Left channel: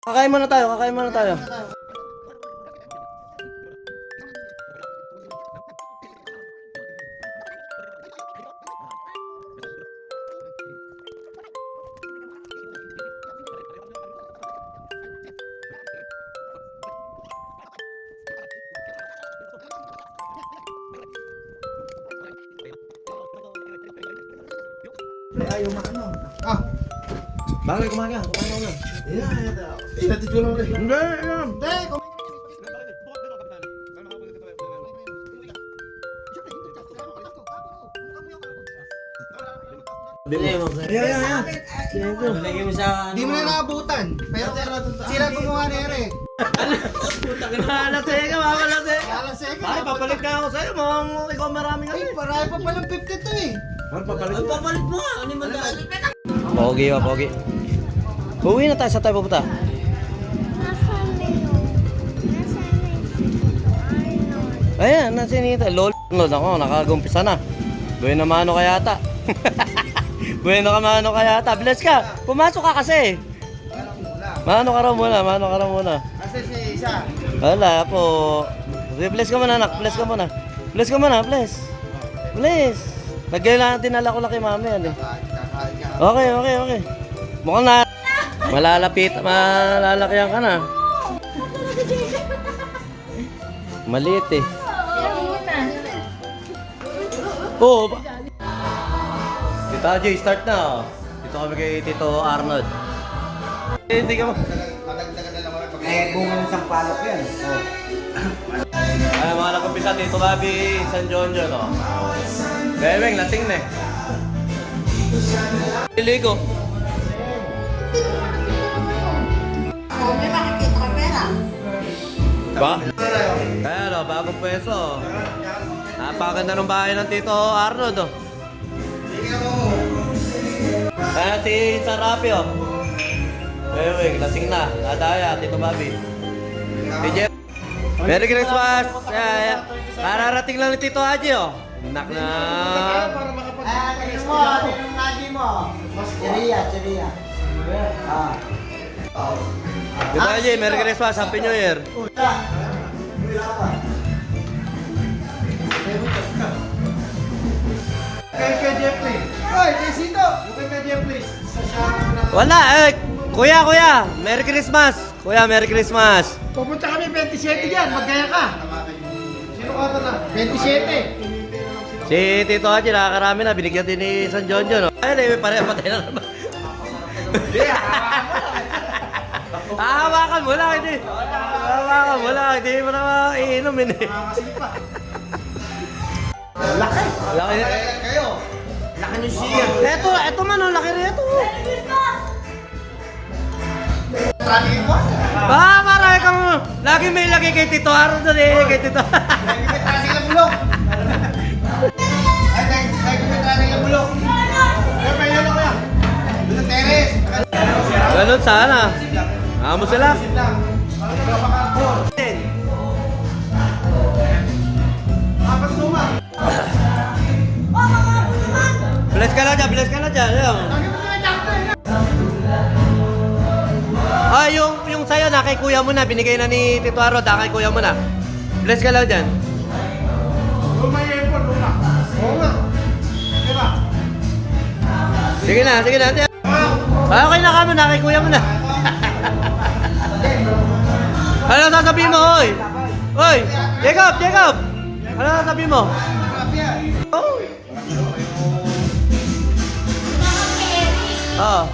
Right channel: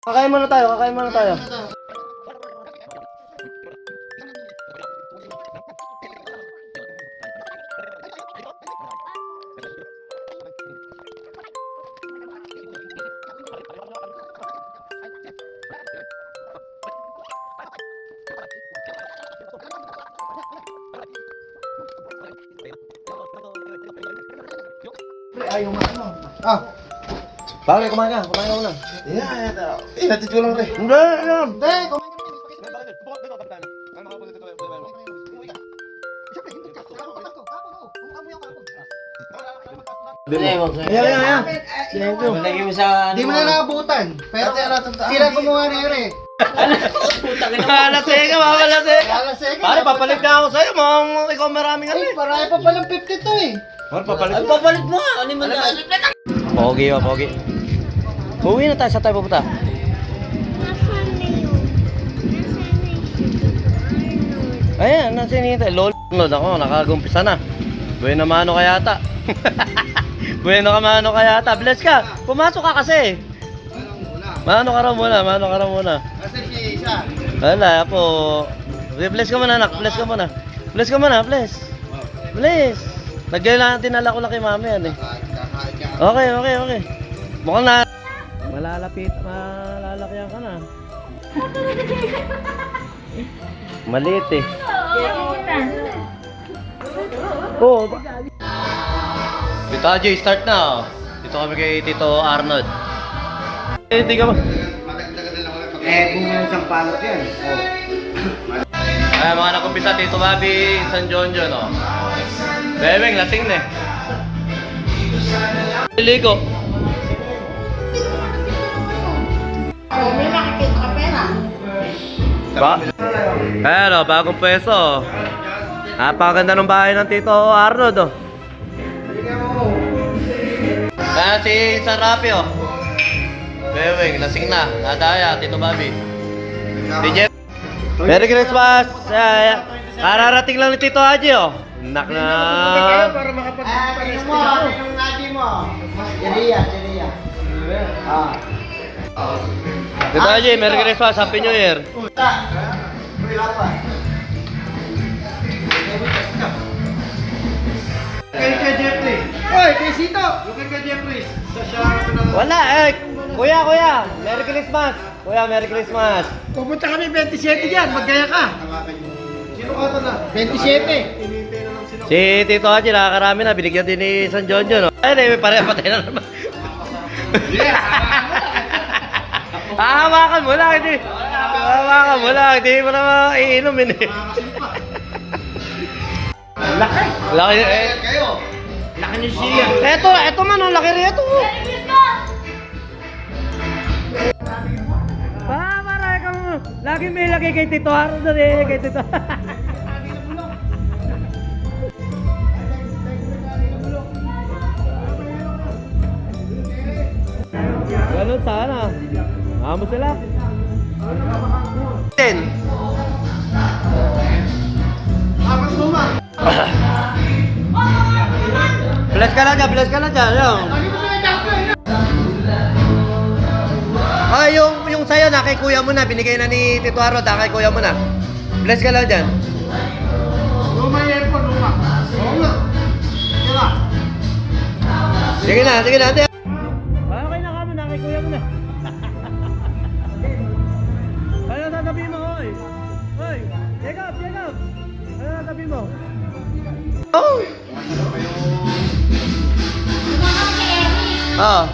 Kakain muna tayo, kakain muna tayo. Ayaw maano. Ah, Bakit kumain ka? Kumain ka muna. inatid ko lang rin. Hindi, alam. Hindi, Ayan. Thank you. Lagi mo sa Hindi mo na naabutan. Pero sila gumawa na yun eh. Malasing ka, malasing ka. Alasing ka. Pare, papalit na ako sa'yo. Ikaw marami ka Ay, rin. paraya pa palang 52 eh. Pare, papalit Ang mo. papalit mo nga. Ano mo na? Pogi ba, pogi? Uwi na tayo, sa tayo pupunta. Nasaan na yun? Nasaan na yun? Arnold. Ayan, nasa inita. Lord ako, nakagumpisa na. Bueno mano kaya ata. Bueno ka mano kaya ata. Bless ka. Pumasok ka kasi. Mano ka raw muna. Kasi si isa. Wala po. Bless ka muna, anak. Bless ka muna. Bless ka muna, bless. Bless. Nagkailangan dinala ko lang kay mami yan eh. Okay. Mukhang na malalakihan ka na. Maliit eh. Oo. Tito Ajay, start na. Dito kami kay Tito Arnold. Hindi ka mo. Bunga yung sampalok yan. Ay, mga nakumpisa, Tito Bobby, San Jonjon, no? Bebeng, lasing na eh. Liligo. Ba? Ayan o, bagong pwesto. Napakaganda ng bahay ng Tito Arnold, oh. Ayan si Sarapi, oh. Bebeng, lasing na. Nadaya, Tito Bobby. Si Jeff. Merry Christmas! Kararating lang ni Tito Haji, oh. Nak na. Para makapag... Tingnan mo, tingnan natin mo. Cheria. Ah. Tito Haji, Merry Christmas, Happy New Year. Kay Jeffrey. Oy, kay Sito. Yung kay Jeffrey. Sa siya. Wala, eh. Kuya, Merry Christmas. Kuya, Merry Christmas. Pupunta kami 27 dyan. Maggaya ka. Sino ka ito na? 27. Si Tito Haji, nakakarami na. Binigyan din ni San Jonjon, no? Ay, pare, patay na naman. Hahawakan mo lang, hindi. Hahawakan mo lang, hindi mo naman iinumin eh. Laki. Laki eh. Kayo. Laki ni siya. Eto man, ang laki rin ito. Pare ka mo. Lagi may lagay kay Tito Arnold eh, kay Tito. Sila bulok. Ay, kumitra sila bulok. Ay, may yun ako yan. Bulok teres. Ganun sana. Amo sila. Ten. Apat luma. Bless ka lang dyan. Yun. Ay, yung sayo na kay kuya mo na, binigay na ni Tito Arnold, kay kuya mo na. Bless ka lang dyan. Luma yan po, luma. Oo nga. Sige na. Sige na, ate. Ay, okay na ka mo na, kay kuya mo na. Ano sasabihin mo, oy? Oy, Jacob! Ano sasabihin mo? Oh.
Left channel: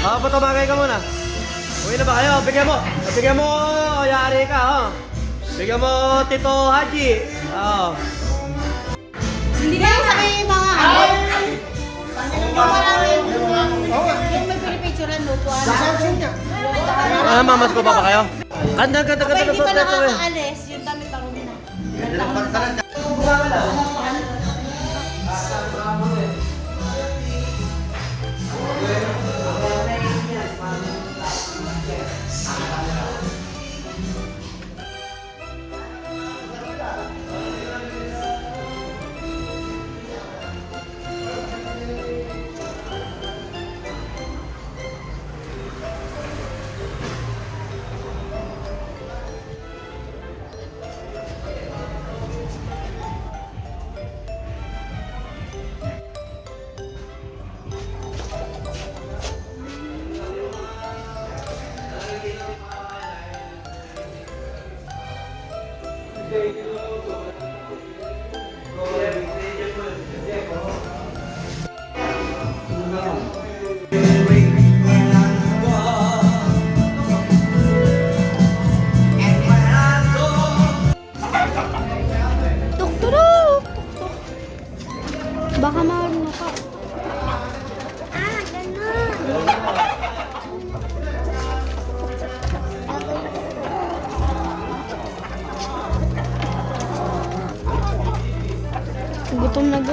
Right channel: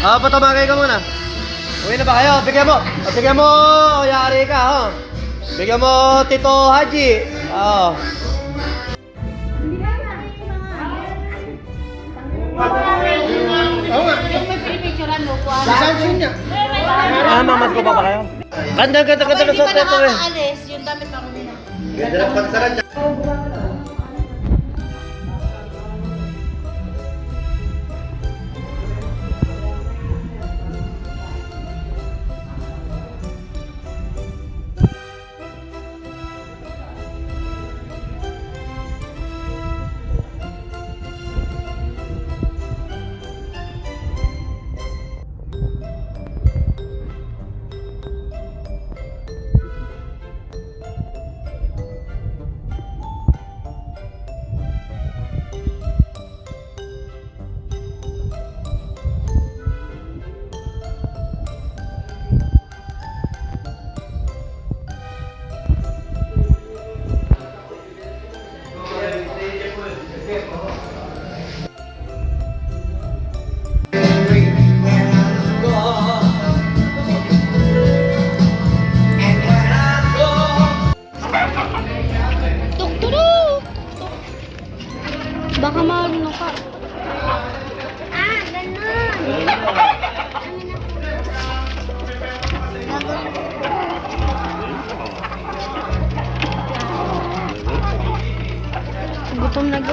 Patamagay ka muna. Uwi na ba kayo? Bigyan mo, yari ka, oh. Bigyan mo, Tito Haji. Oh. Hindi na yung sabi yung mga Oo nga. yung may pinipicturean mo po. Samsung niya. Mamas ko pa kayo? Ganda na Hindi sa ka teto eh. nakakaalis, yung damit pa rin mo. Ganda ng pagsaran niya.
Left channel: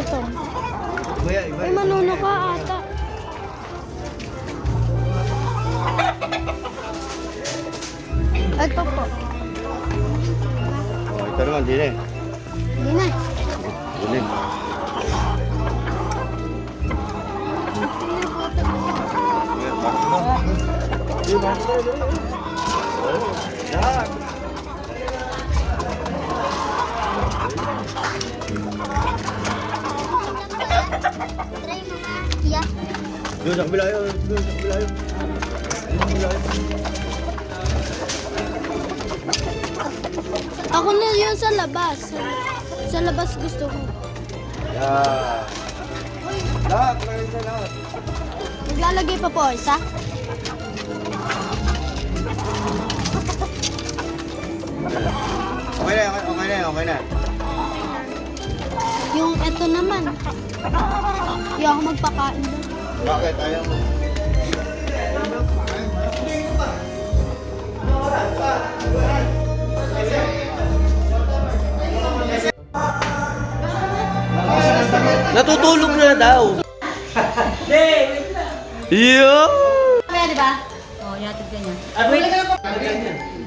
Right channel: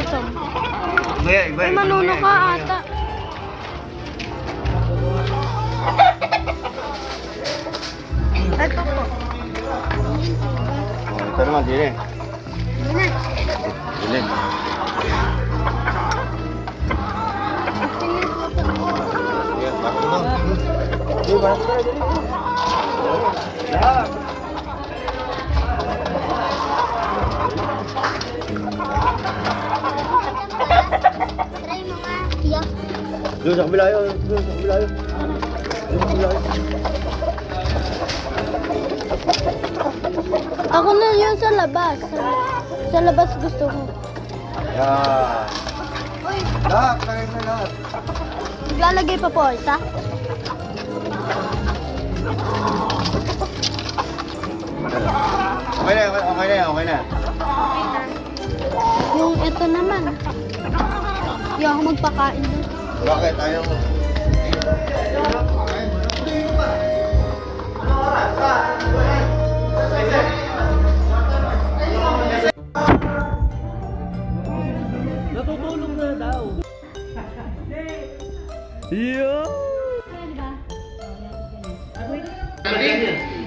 Ito. Iba. Ay, manuno ka ata. Ito po. Ito naman, din eh. Hindi na. Din. Try mo nga. Yeah. Doon sa kabila yun. Doon sa kabila yun. Ako na yun sa labas. Sa labas gusto ko. Lahat, kaya sa lahat. Maglalagay pa po isa. Okay na. Yung ito naman. Yung ako magpakain doon. Bakit? Ayaw mo. Natutulog na daw. Yo! Mamaya, di ba? Oo, yatid ka niya.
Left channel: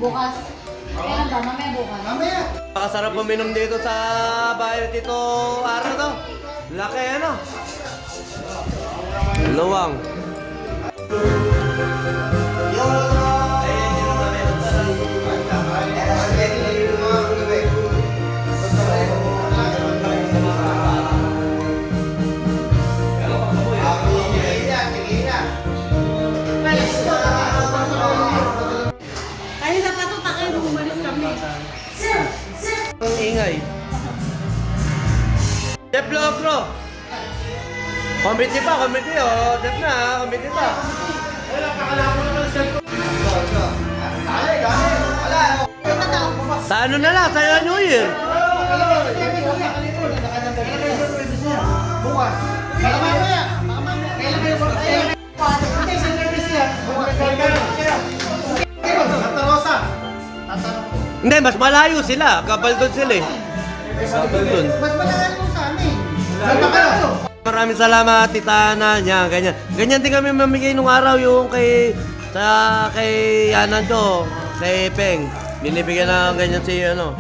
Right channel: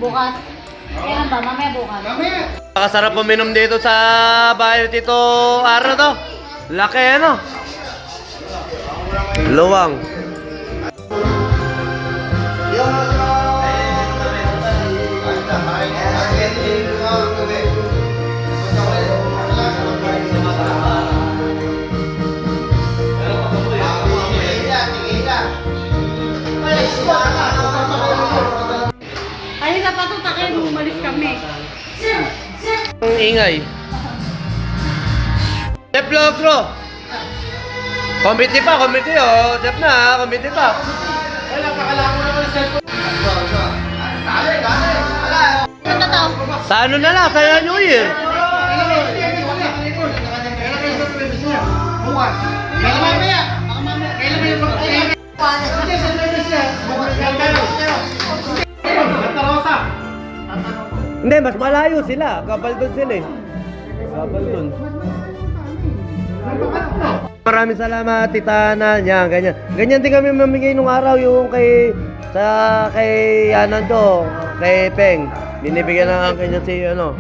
Bukas. Kailan ba? Mamaya bukas. Nakasarap uminom dito sa bahay ni Tito Aro to. Laki ano? Luwang. Ay, napatutakin. Umalis kami. Ang ingay. Chef Logro. Committee pa, committee oh. Chef na, committee pa. Ano na to? Sa ano na lang, sa New Year. Bukas. Baka mamaya. Kailan kayo mag-ayun? Hindi, sa service niya. Santa Rosa. Hindi, mas malayo sila. Kapal doon sila eh. Kapal doon. Mas malayo sa amin. Santa Rosa. Maraming salamat, Tita Ana. Yan, ganyan. Ganyan din kami mamigay nung araw yung kay Yanan to, kay Peng. Binibigyan na ganyan si ano.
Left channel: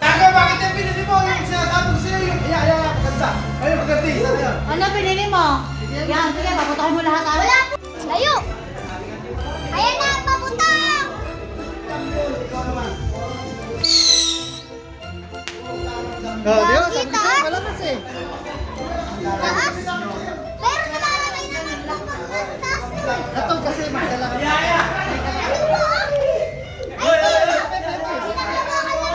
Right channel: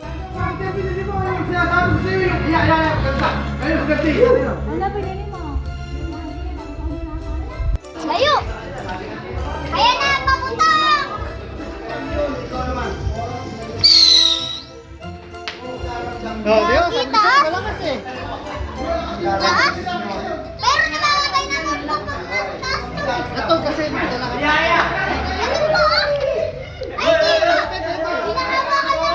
Taka, bakit yung pinili mo? Yung sinasabi ko sa'yo, yung maganda. Ayun, maganda yun. Ano pinili mo? Yan, sige, papuntakin mo lahat. Wala. Layo. Ayan na, papuntang. Kita? Taas? Pero nalalagay naman po taas to. Ito kasi magdala. Ano po? Ay, dito. Ginagawa ka niya.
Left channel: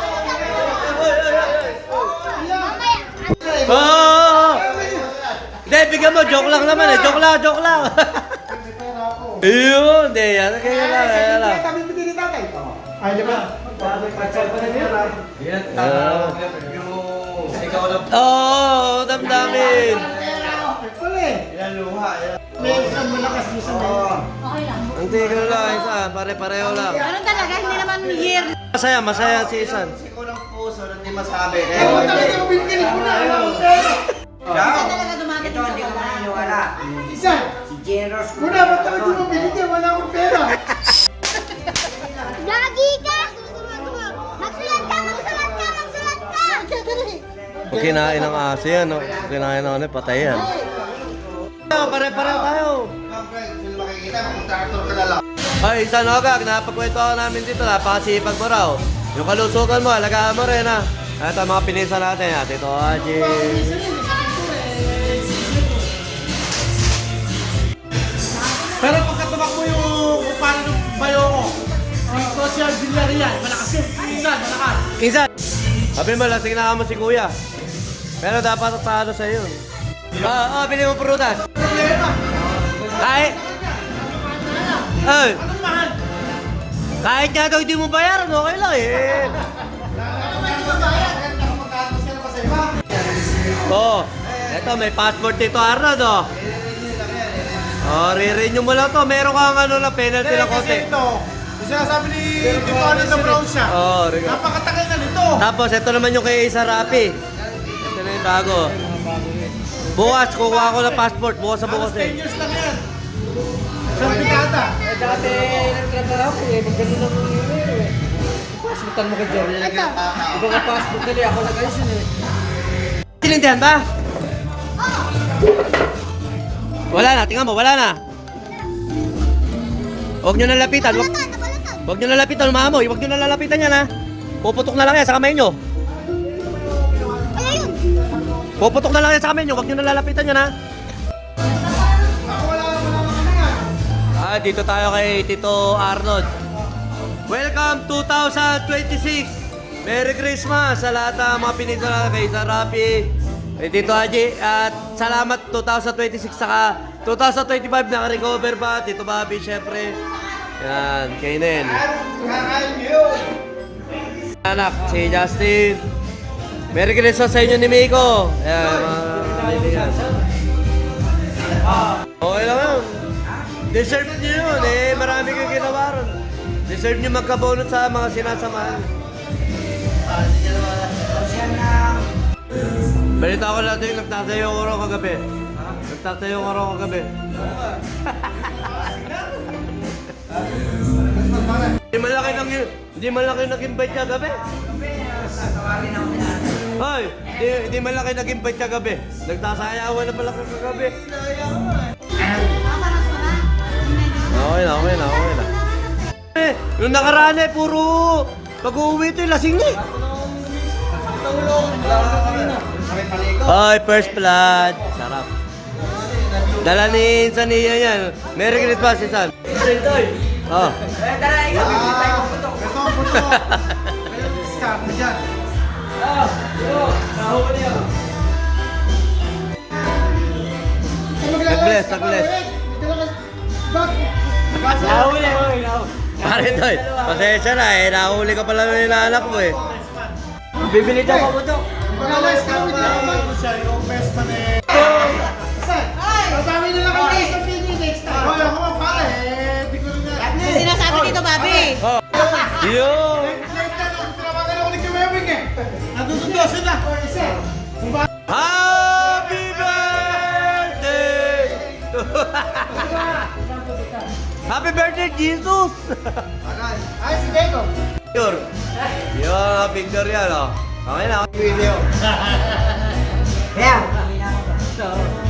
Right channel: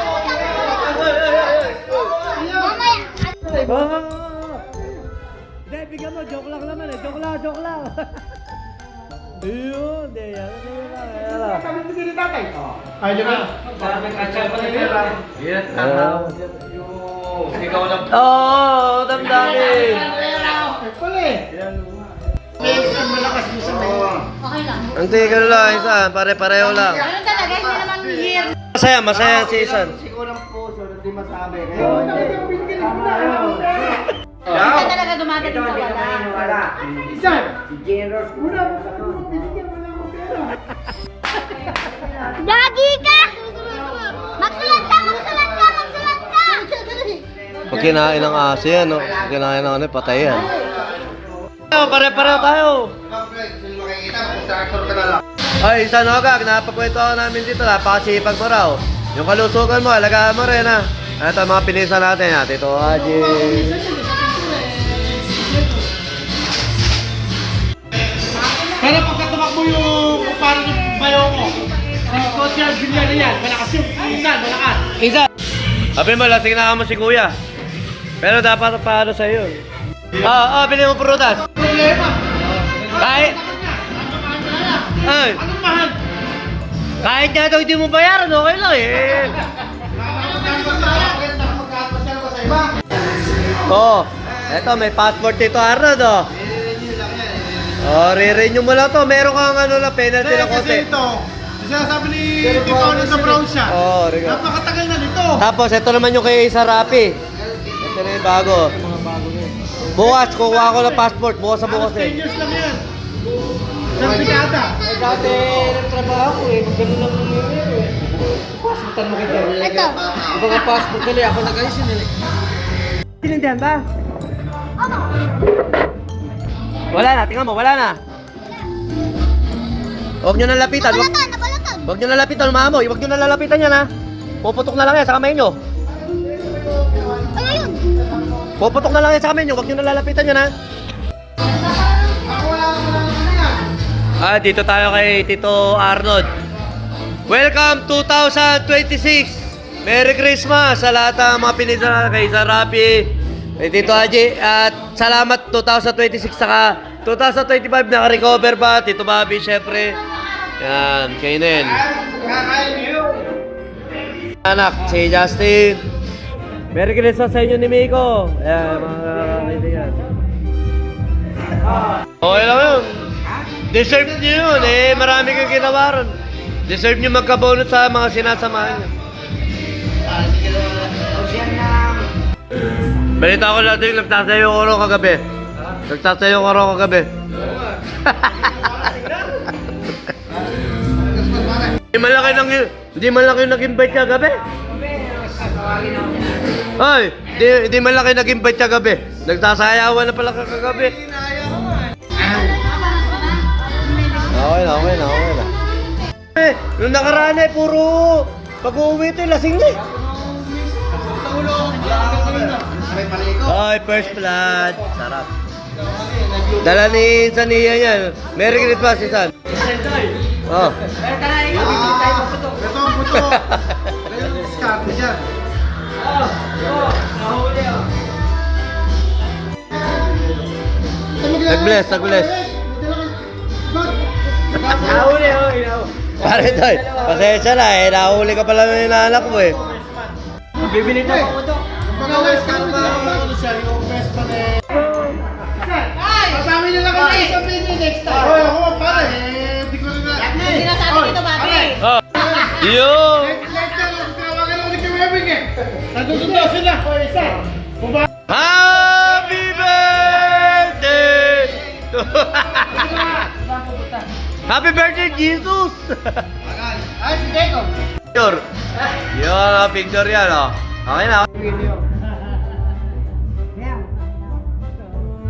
Mamaya. Oh! Hindi, bigyan mo. Joke lang naman eh. Joke lang. Ayun, hindi. Yan, kaya lang. Kami pinili tatay. Ay, di ba? Oo, damdamin. Puli. May isang malakas mo sa ngayon. Okay lang. Ang tigil lang, isa. Pare-pareho lang. Ganun talaga, hindi naman year. Masaya si Isan. Sigurang puso, hindi masabi. Ewan talaga yung binili mo na. Isa talaga dumadating sa wala. Isa. Si Generous. Muna, ba't talaga mo binili? Wala akong pera. Lagi ka! Magsulat ka! Pag kinain ng aso yan, no? Pag kinain ng ano, patay yan. Pare-pareho tayo. Makikita, kontraktor ka na lang. Ay, Isan Hogag, napagkwento ako namin dito. Napakasipag mo raw. Yung kalusugan mo, alagaan mo rin ha. Ito ang mga pinisa natin ha. Tito Haji. Pero pagka tumakbo yung parang bayo ko, si Social Villarreal, malakas yun. Isa, malakas. Isan! Sabi mo, lasing na mo si Kuya. Pero dapat paano sa yun. Bili mo prutas. Problema. Kahit... Ay, Anong mahal? kahit nga daw hindi mo bayaran, okay lang eh. Oo. Eto, may passport dito, Arnold, oh. Oh, re-renew mo lang to. Meron kang ano na penalty lang konti. Kasi ito, sinasabi ni Tito Nito Brown siya. Oo, Rico. Napakatagal na nito. Tapos, ito naman yung kay Sarapi. Ito na yung bago. Mga bago rin. Bukas, kukuha ko ng passport. Bukas sa bukas 10 eh. years lang yan. Isang dekada. Dati nagtrabaho ko eh, magano lang passportan mo kayo. Ito. Iba ka passport dali, ako nag-ayos yun eh. Sinindihan ba? Wala na, tingnan mo, wala na. Huwag nyo nalapitan. Nabalatan, nabalatan. Huwag nyo nalapitan, maamoy. Huwag nyo nalalapitan yan ha. Puputok na lang yan sa kamay nyo. Ay, ayun. Puputok na lang yan sa kamay nyo. Huwag nyo nalalapitan yan ha. Dito tayo kay Tito Arnold. Welcome 2026. Merry Christmas sa lahat ng mga pinita kay Sarapi, kay Tito Haji. At salamat 2026 saka 2025 naka-recover pa. Tito Bobby syempre. Yan, kay Nen. Anak, si Justin. Merry Christmas sa inyo ni Miko. Ayan, mga kaibigan. Okay lang yun. Deserve nyo yun eh. Marami kang ginawa ron. Deserve nyo magkabonus sa mga sinasamahan nyo. Balita ko natin, nagtasayo ko ron kagabi. Nagtasayo ko ron kagabi. Hindi malaki nag-invite niya gabi. Ay, di malaki nag-invite niya gabi. Nagtasayawan na pala ka kagabi. Okay na. Nung nakaraan eh, puro pag-uwi ito, lasing na. Ay, first blood. Sarap. Dala ni Sania yan. Merry Christmas, Isan. Oh. Ito ang puto. Kaya discount dyan. Nag-bless. Pare Doy, pasensya na eh. Nahuli ka pala ng inaanak mo eh. Bibili tayo. Mga West Cap na ano siya, yung best na eh. Babawi na lang kami sa video next time. Hoy, ako pare, di ko rin na. Sinasabi dito, Bobby. Oh. Yo! Later, tinawagan ako ni Kiwebing eh. Nandun daw sila. Happy birthday! Happy birthday, Jesus! Ay, si Deko. Picture. Yung picture yan, oh. Okay na. Kaya,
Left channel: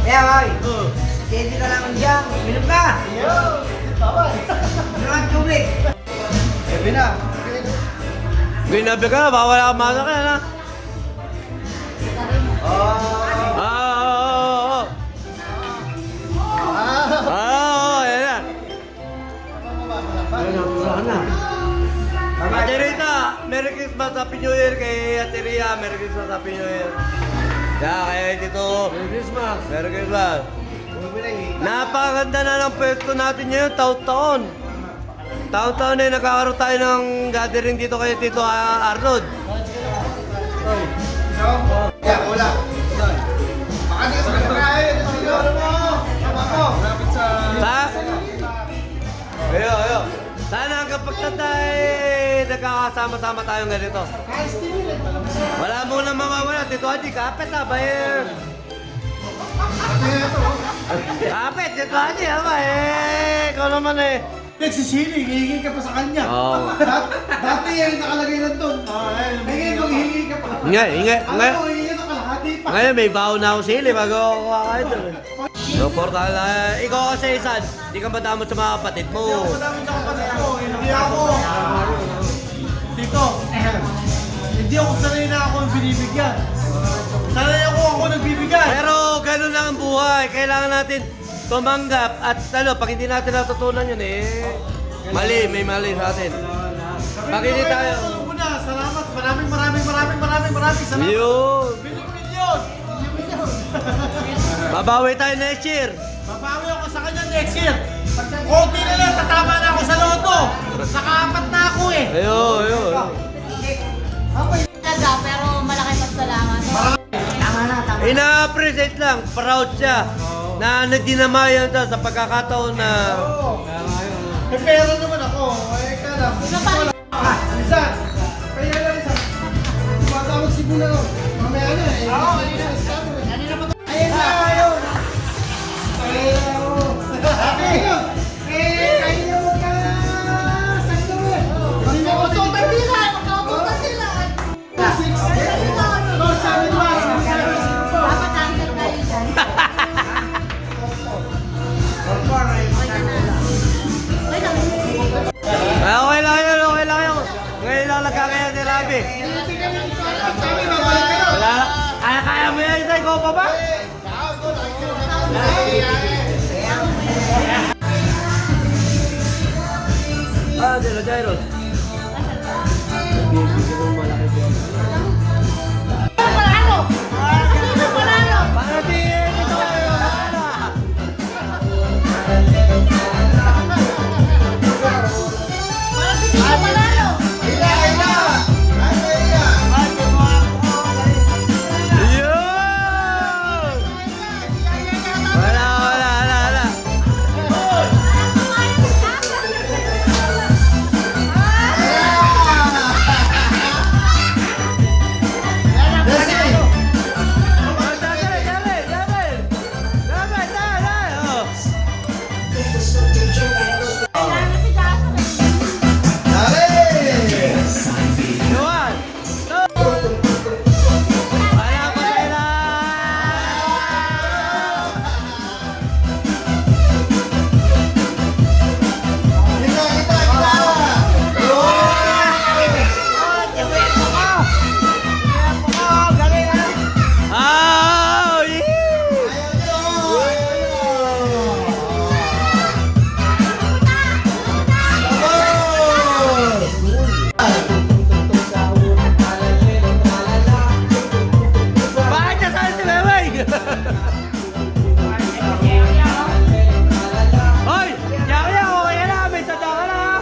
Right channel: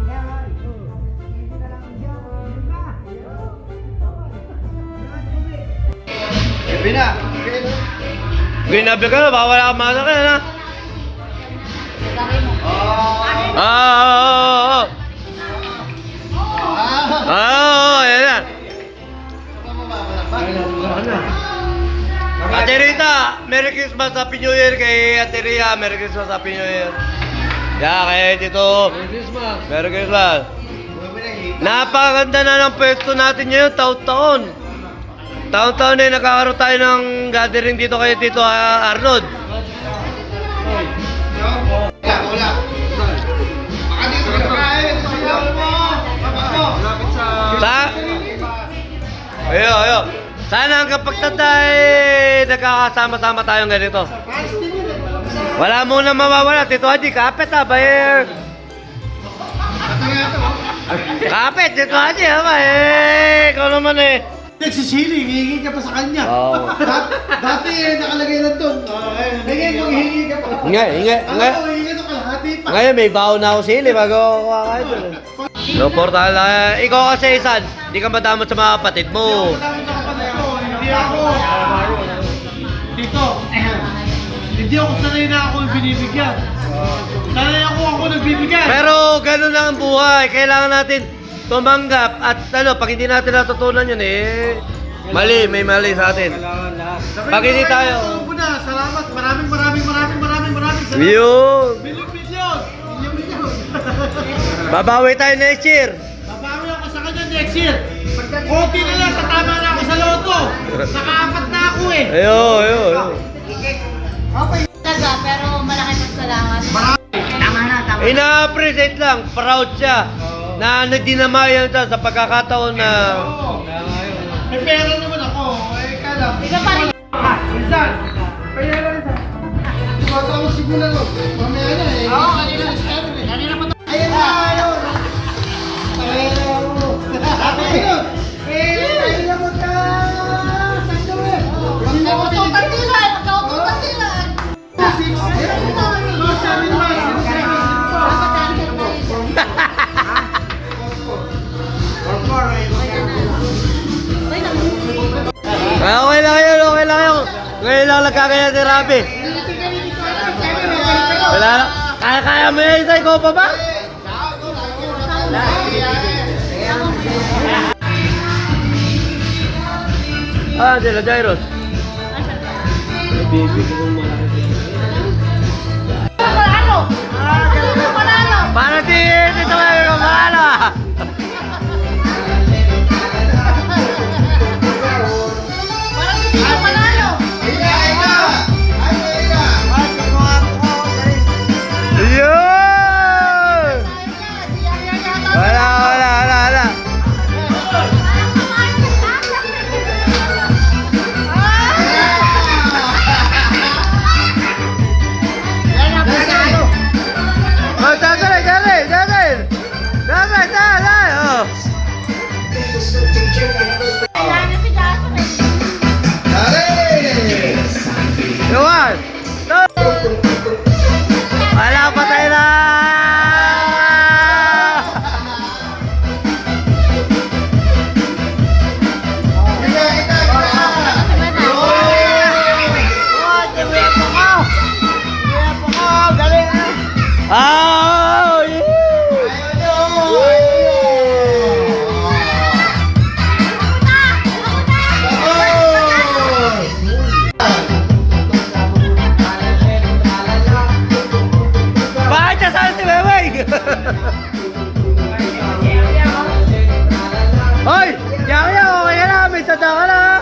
boy. Steady ka lang dyan. Minum ka. Minum ang tubig. Ginabi ka na, baka wala kang manak yan, ha? Yan yan. Ate Rita, Merry Christmas, Happy New Year kay Ate Rhea. Merry Christmas, Happy New Year. Kay Tito. Merry Christmas. Merry Christmas. Napakaganda na ng pwesto natin ngayon, taon-taon. Taon-taon na nagkakaroon tayo ng gathering dito kay Tito Arnold. Ayo. Sana hanggang pagtanda eh, nagkakasama-sama tayong ganito. Wala muna mawawala. Tito Haji, kapit ha, bayer. Kapit, Tito Haji ha, eh. Ikaw naman eh. Nagsisili, hihingi ka pa sa kanya. Oo. Dati eh, nakalagay lang doon. Bigay mo, hihingi ka pa. Hingi. Hihingi ka kalahati pa. Ngayon may baon na ako sili bago ako kakain doon eh. No, portal na. Ikaw kasi, Isan, di ka madamot sa mga kapatid mo. Hindi ako. Dito. Hindi ako sanay na ako binibigyan. Sanay ako nagbibigay. Pero gano'n lang ang buhay. Kailangan natin tumanggap at pag hindi natin natutunan yun eh, may mali sa atin. Pag hindi tayo... Salamat. Maraming salamat. Yun. Milyon. Babawi tayo next year. Babawi ako sa kanya next year. Konti na lang, tatama na ako sa loto. Nakaapat na ako eh. Ayun. Talaga, pero malaki pasalamat. Tama na. Ina-appreciate lang, proud siya na dinamayan siya sa pagkakataon na... May pera naman ako. Eh, kala. Iba pa rin. Minsan. Kaya lang isa. Tumatawag siguro na. Mamaya na eh. Oo, kanina. Kanina pa. Ayun na, ayun. Ayun. Kaya mo ka. Sakto eh. Magkaututan sila. Magkaututan sila. Okay lang yun, okay lang yun. Ngayon lang nagkakaya si Rabi. Wala na. Kaya mo yan, isa, ikaw pa ba? De los Jairos. May baby ko kung malaki dito. Panalo! Sino panalo? Paano dito kayo kamala? Sino panalo? Yun! Wala. Oh, dali. Oh. Kailangan si Jason eh. Yuan! Wala pa tayo na! Ah! Bakit niya saan si Weweng? Hoy! Yaya, okay ka na! May sanda ka na!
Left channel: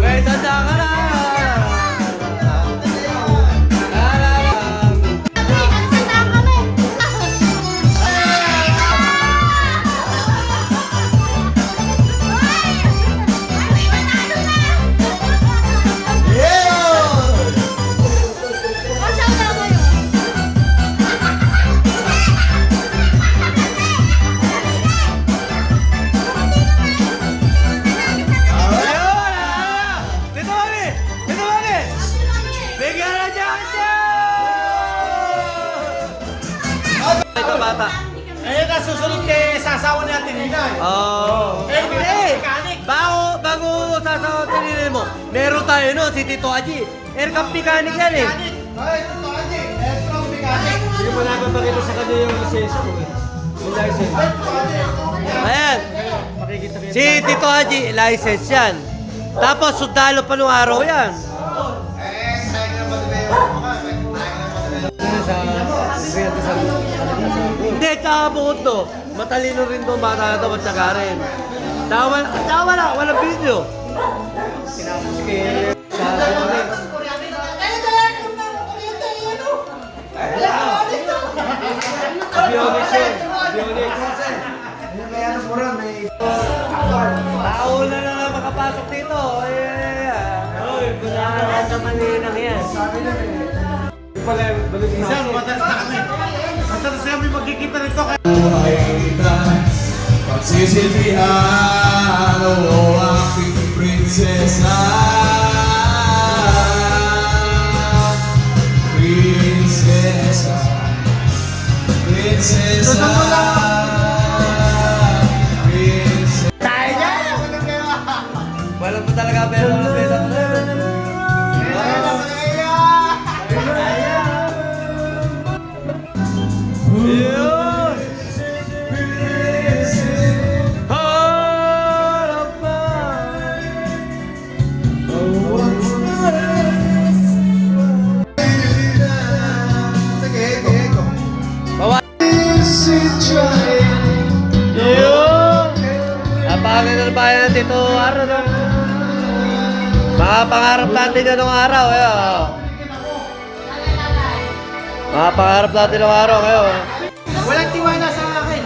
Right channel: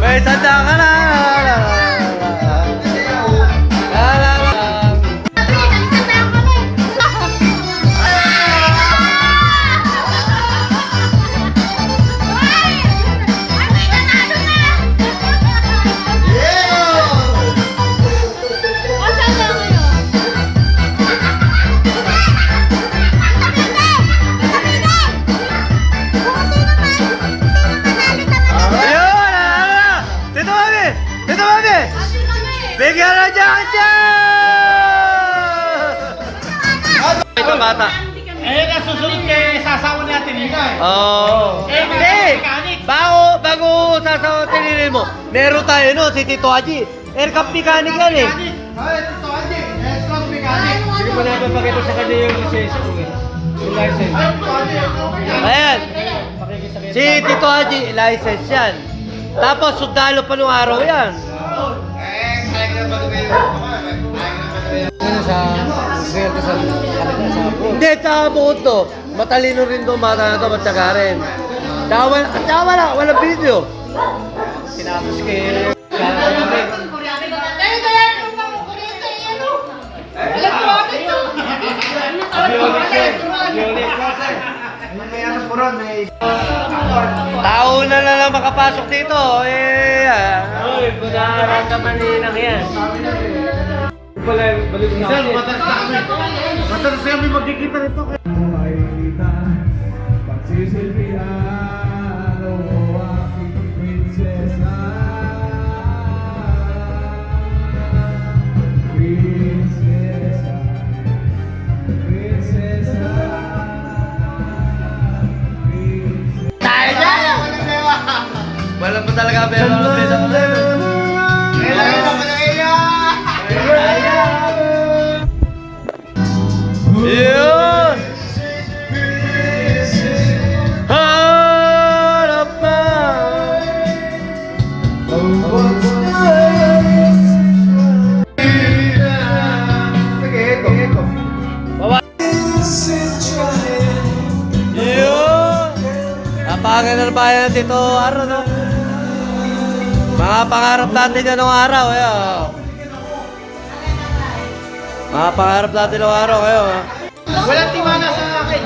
May sanda ka na! Bigyan na dyan dyan! Ito bata. Eh, nasusunod kay sasawa natin yun eh. Oo. Hindi! Bago sasawatin mo, meron tayo no, si Tito Haji. Aircraft mechanic yan eh. Ay, ito Haji. Aircraft mechanic. Hindi mo na papakita sa kanya yung lisensya ko eh. Yung license. Ayan. Makikita kayo. Si Tito Haji, license yan. Tapos sundalo pa nung araw yan. Ano sa sweldo sa kanila sa ako. Hindi, tsaka bukod to. Matalino rin to, bata na to, matyaga rin. Tsaka walang video. Tinapos kay sa Avionics yun. Avionics. May ano po ron, may... Tao na lang makapasok dito. Oy, wala ka maninang yan. Pala, balik na Sir, ako. matalas kami magkikita nito. Pagsisilbihan o aking prinsesa. Prinsesa. Prinsesa. Prinsesa. Tayo dyan! Wala pa talaga pera ng pera ko na yun. Yun! Harap na! Yun! Napakaganda na bayan natin ito araw, no? Mga pangarap natin na nung araw, ayo. Mga pangarap natin nung araw, ayo. Walang tiwala sa akin.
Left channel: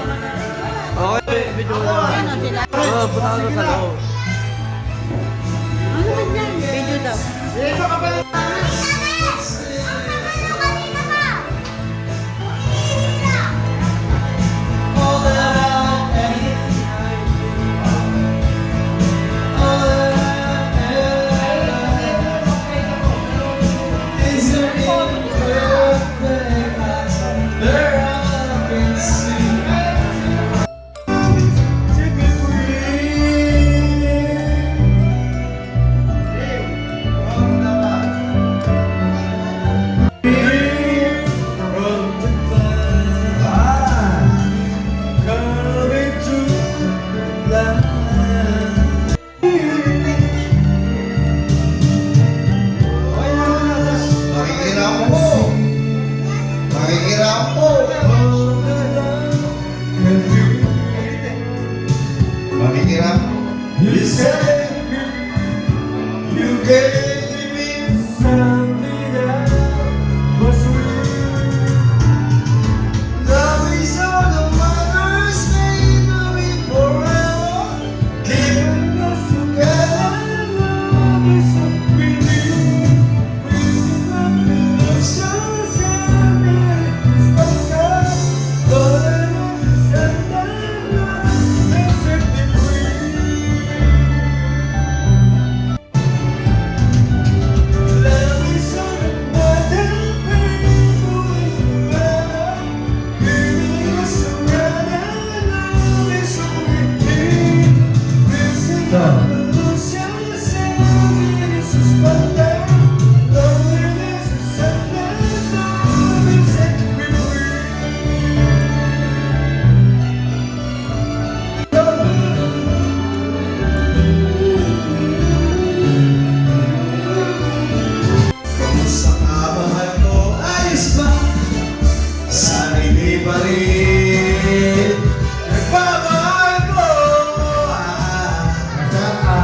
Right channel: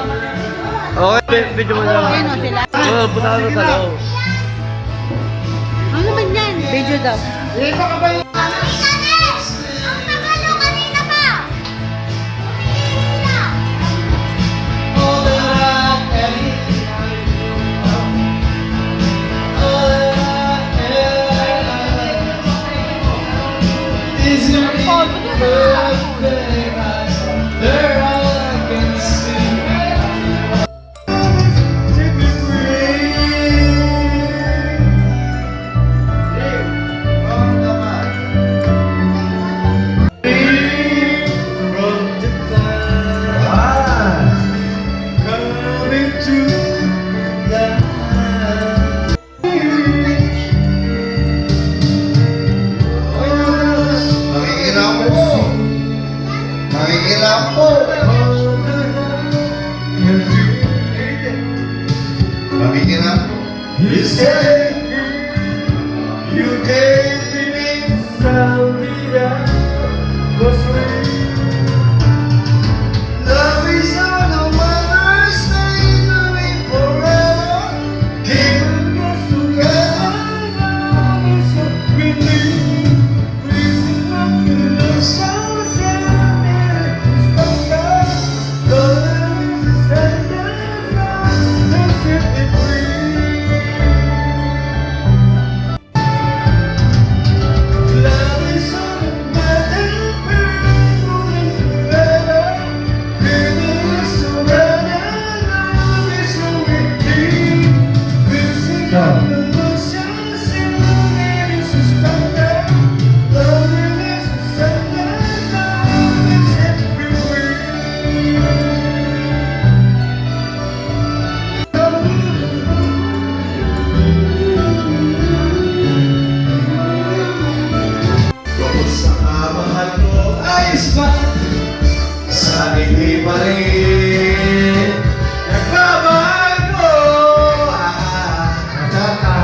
Okay, video mo na. Ayun o sila. Oo, punta ka doon sa loob. Ano ba yan? Video daw. Ito ka ba? mahirap. You say you gave me something that was real. Love is all the waters made of it forever. Keeping us together, love is what we need. Please let me love someone, stop that. Love is a love that set me free. Love is all the matter, moving together. Living is surrender, love is what we need. Losing all the illusions, singing is suspended. Loving is a sentence, love is set me free. Kumusta ka, mahal ko? Ayos ba? Sabi ni pa rin nagmamahal ko. Wala pa.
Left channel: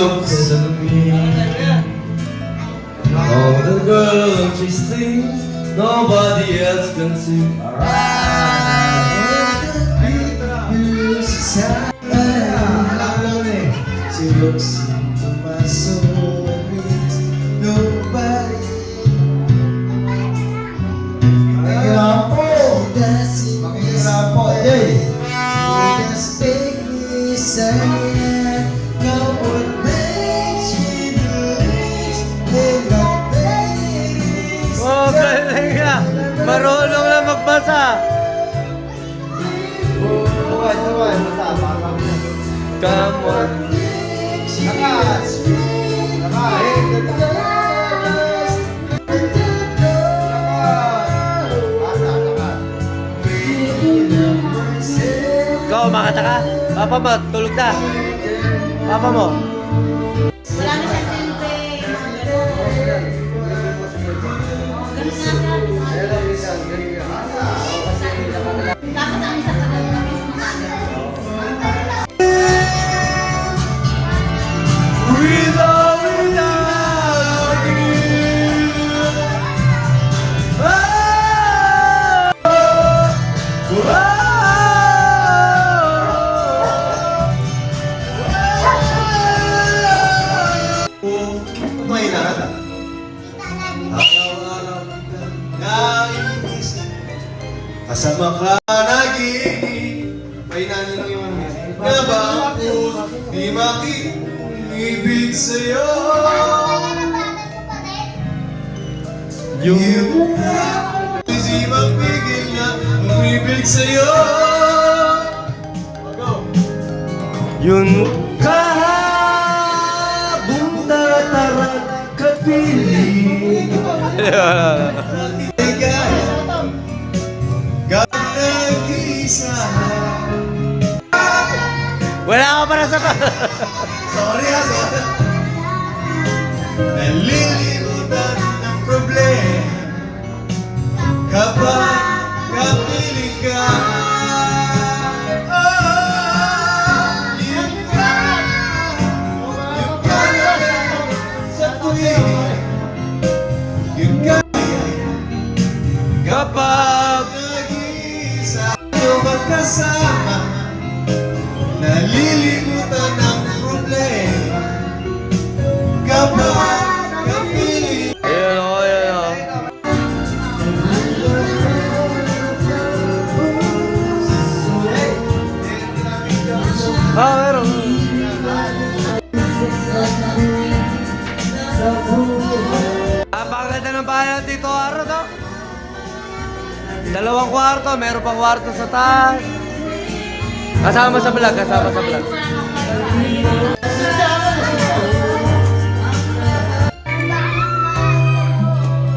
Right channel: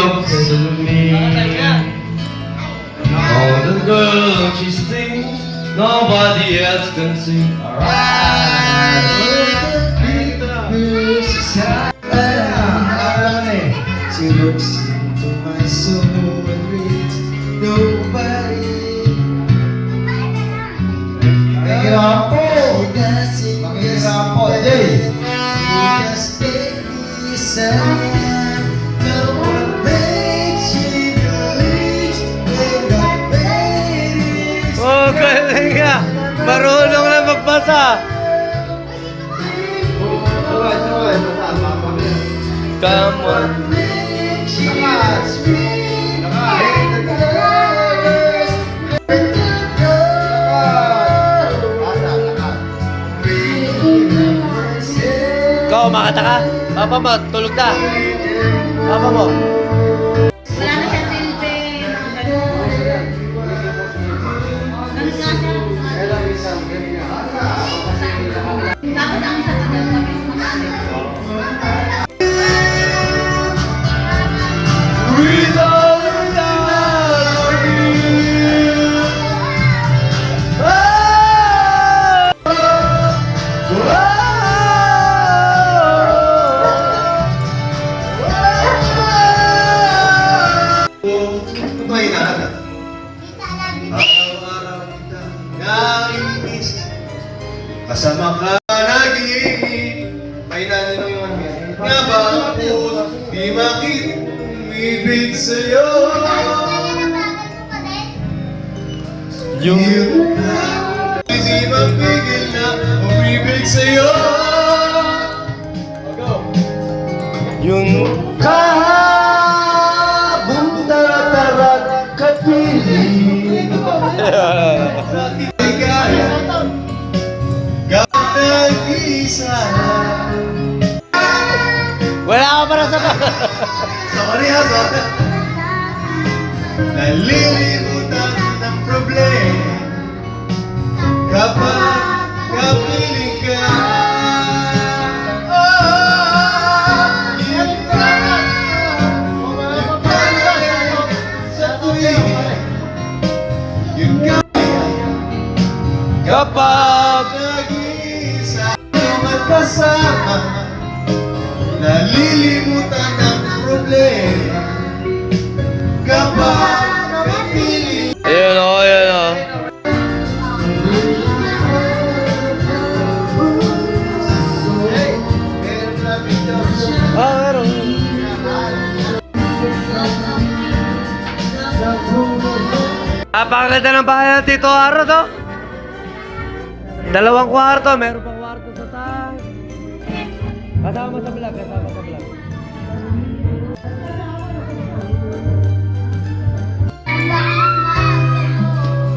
Looks at me. All the girls she sings, nobody else can sing. She looks into my soul and reads nobody. She doesn't She just make me sad. No one makes me believe in the babies. Oh, galing ka! Marunong na magbasa! Come on! Ikaw, makata ka? Papa mo, tulog na! Papa mo! Wala na siya silbi. Tapos ang sa Without a doubt, kasama ka nagiging may nangyay yung nga ba ako di makibig sa'yo. Yung... Di mapigil na umibig sa'yo. Yun... Kahabong tatarat kapiling Wala ka para sa pa! Sorry ha, sorry. Nalilimutan ng problema kapag kapiling ka. Yun ka sa tuwing. Yun ka Kapag... nag-iisa at kasama. Nalilimutan ang problema kapag kapiling. Ayun o, ayun o. Ah, meron. Napakaganda ng bayan dito, Aro, to. 2 kwarto, meron pang kwarto sa taas. Kasama sa vlog, kasama sa vlog.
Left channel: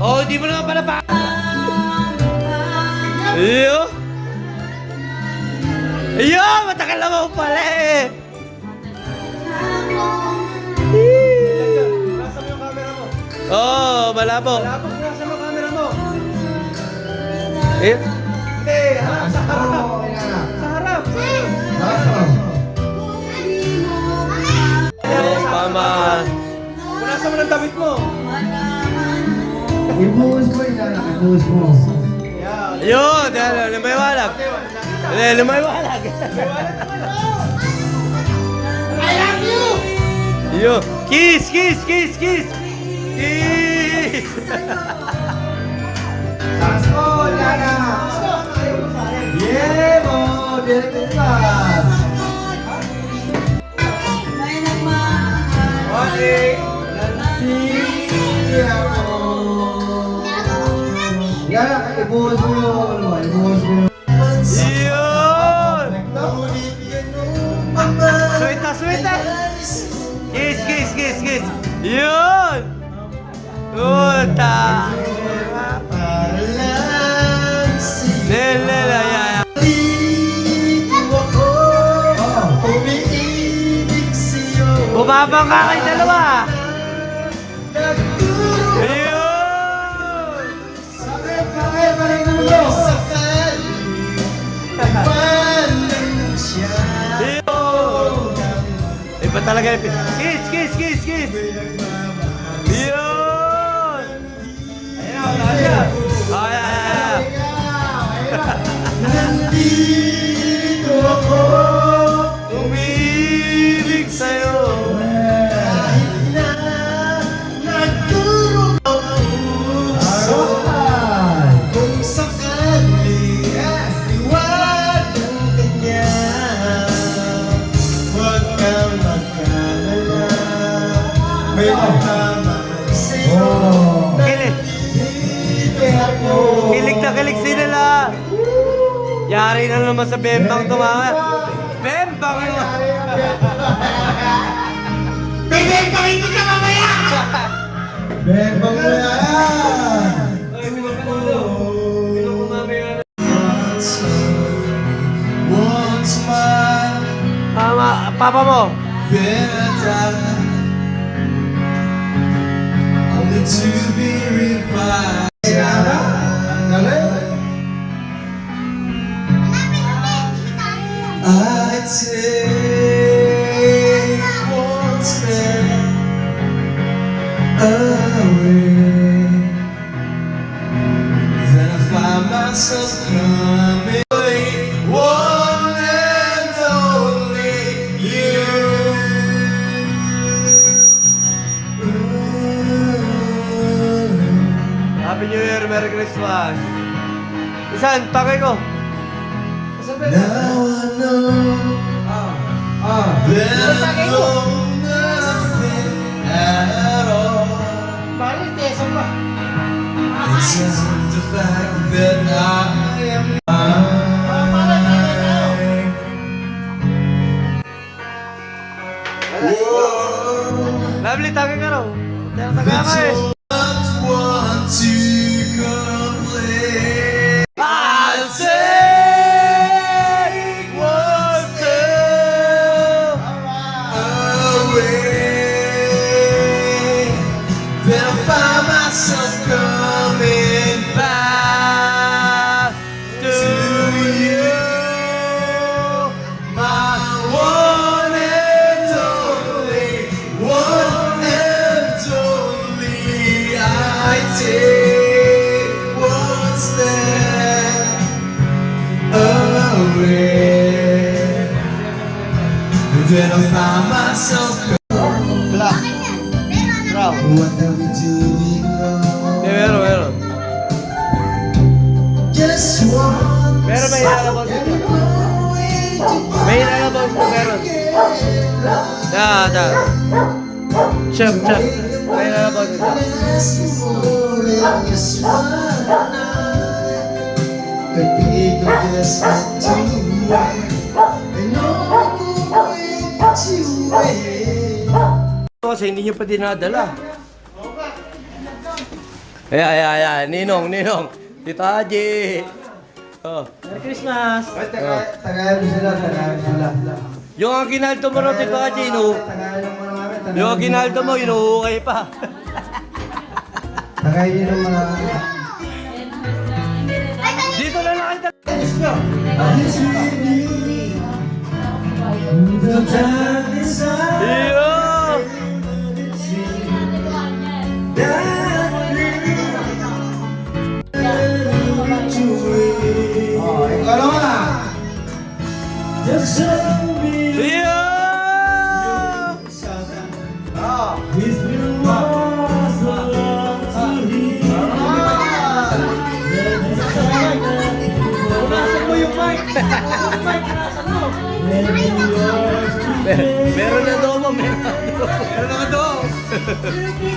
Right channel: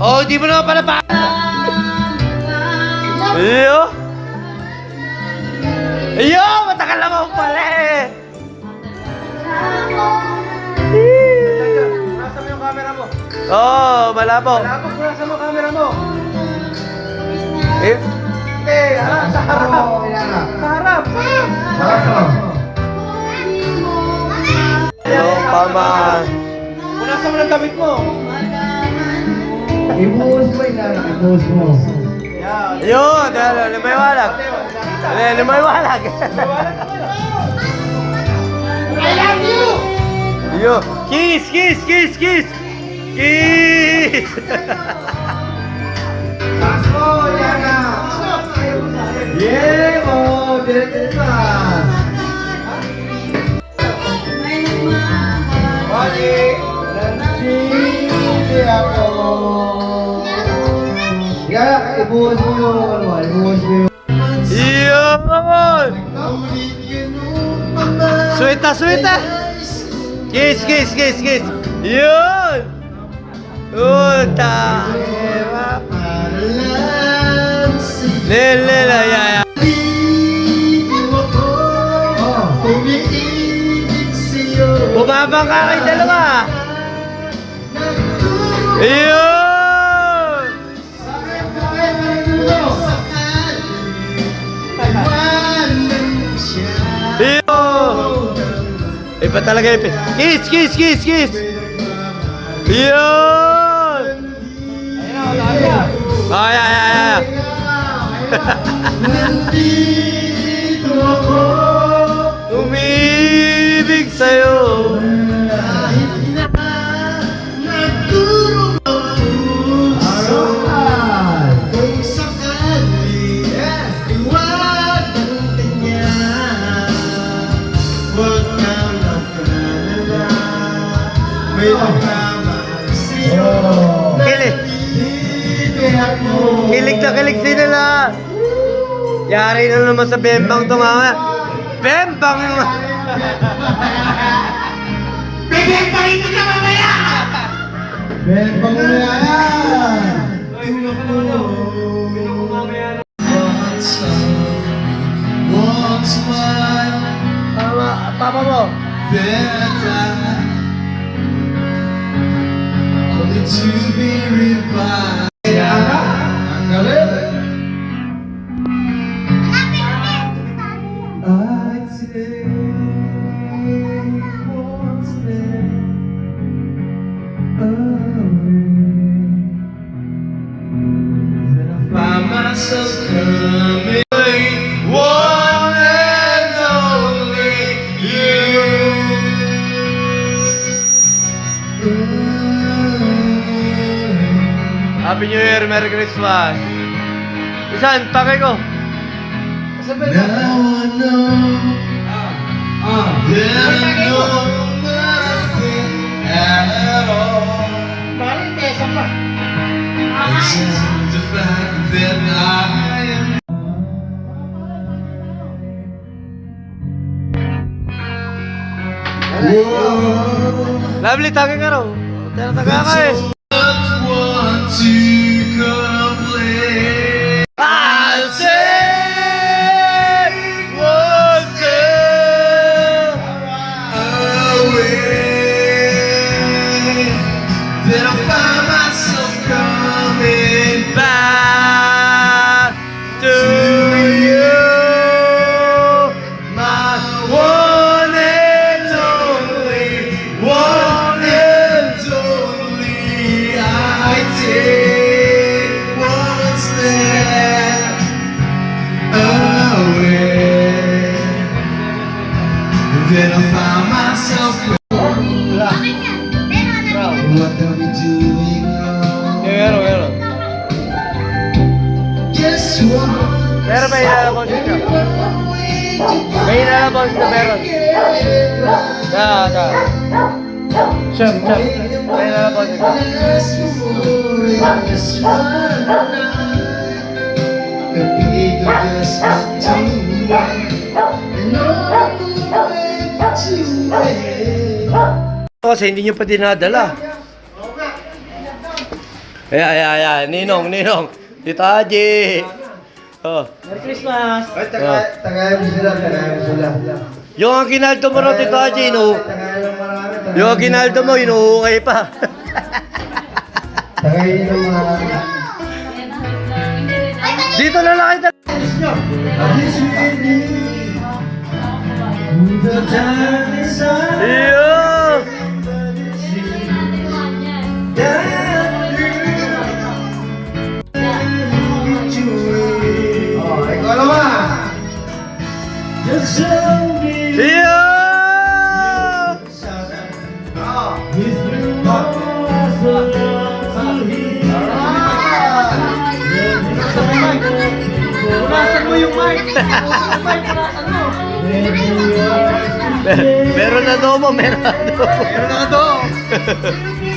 Oh, di mo naman pala pa. Iyo! Iyo! kalabaw pala eh! Nasa mo yung camera mo? Malabo. Malapag, nasa mo camera mo? Eh? Hindi, harap, sa harap. Sa harap. Hello, paman. Nasa mo ng damit mo? Ibuhos mo yung anak, ibuhos mo. Yan. Yun, limaywalag. Limaywalag. Yo, kiss, kiss, kiss, kiss. Kiss. Paso, Yana! Yeah, mo, dito na. Wali, hindi ako. Yan, ibuhos mo yung ano, ibuhos mo yung... Yun. Sweta, sweta. Kiss, kiss, kiss, kiss. Yun. Puta. Nelela, yaya. Bumabang ka kay dalawa. Ayun! Ayun! Iba talaga yun. Kiss, kiss, kiss, kiss! Ayun! Ayun na, wala siya. Ay, ay, ay, ay. Nandito ako, Umiibig sa'yo. kahit na nagturo ang puso. Kung sakali iwan ang kanya, huwag kang mag-alala. May nagmamahal sa'yo. Kilig. Nandito ako. Kilig na kilig sila. Yari na naman sa bembang tumama. Bembang naman. Bembang mo na yan! Once mine, Papa mo. then I die, only to be revived. I take one step away, then I find myself coming. One and only you. Happy New Year, Merry Christmas. Isan, pakay ko. Now I know that I know nothing at all. Except the fact that I am mine. Whoa, Lovely, tagay ka raw. Taga ka eh. don't want to complain. I'll say one thing. Away, then I find myself coming Back to you, my one and only. I take one step away, and then I find myself. What are we doing wrong? Pero. Guess what? Pero may inalabos ka. May inalabos ka, pero. Da. Chef. May inalabos ka. Kasi hindi nyo pa dinadala. Ninong. Tito Haji. Oh. Merry Christmas! Ay, Tagalog sila. Yung aginaldo mo raw, Tito Haji, Tagalog mo lang. yung aginaldo mo, inuhukay pa. Tagalog mo lang. Dito na lang kayo. Iyo! Oh, ikaw naman. Iyo! Punasan mo yung mic. Meron na domo, meron na domo. Meron na ka doon.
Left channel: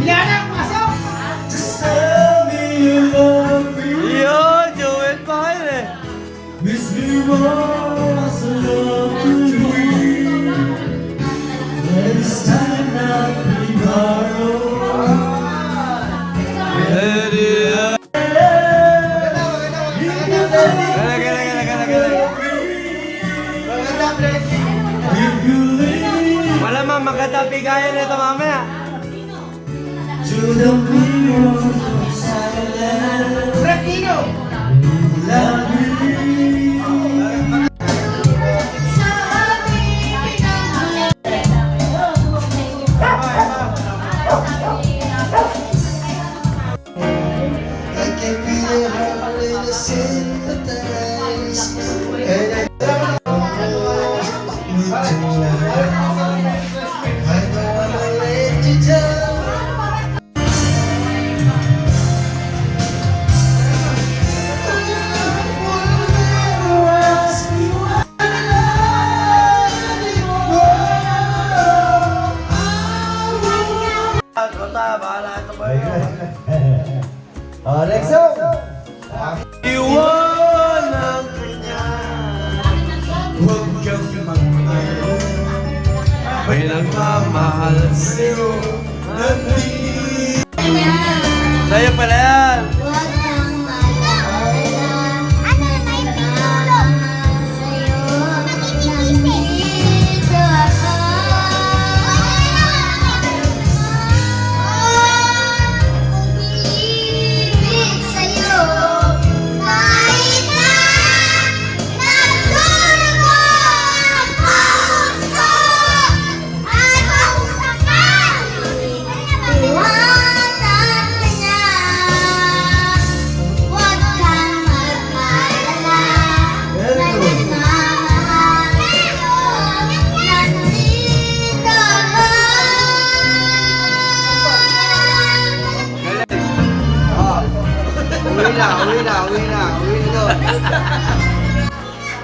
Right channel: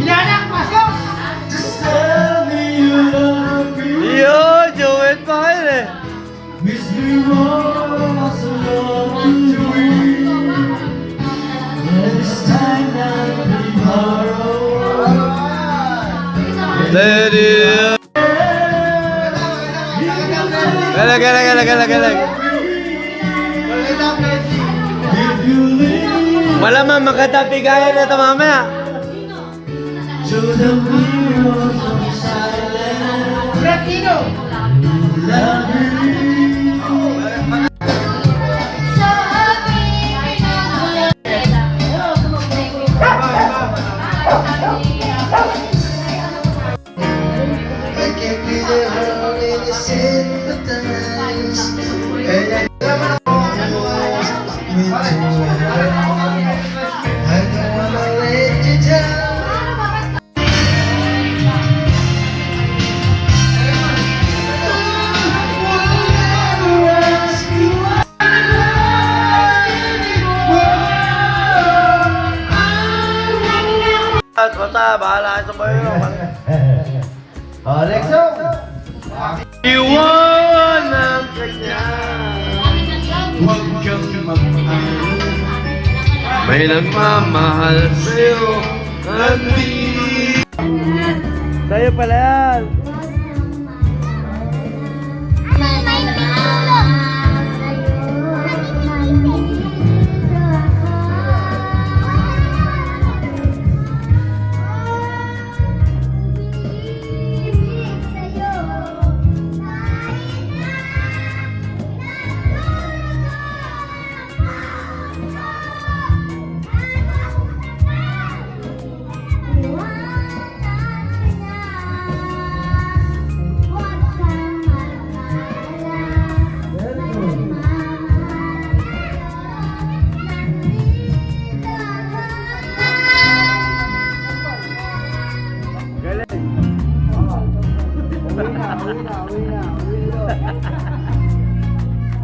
Ilanak, pasok! Iyo! Joel pa kayo eh. Let it Galag. Malamang magkatapigayan na ito mamaya. Fratino! I can be the only sympathize. And I don't wanna let you down. Basta, bahala ito ba Oh, Lexo. Iwan ang kanya. Huwag kang magmahal. May nagmamahal sa'yo. Sa'yo pala yan. Ano, may pinulog. Nandito ako. Umiibig sa'yo. Kahit na nagdurugo ang puso. At ang sakali, iwanan ka niya. Huwag kang mag-alala. Nagmamahal sa'yo. Nandito ako. Uwi na doon.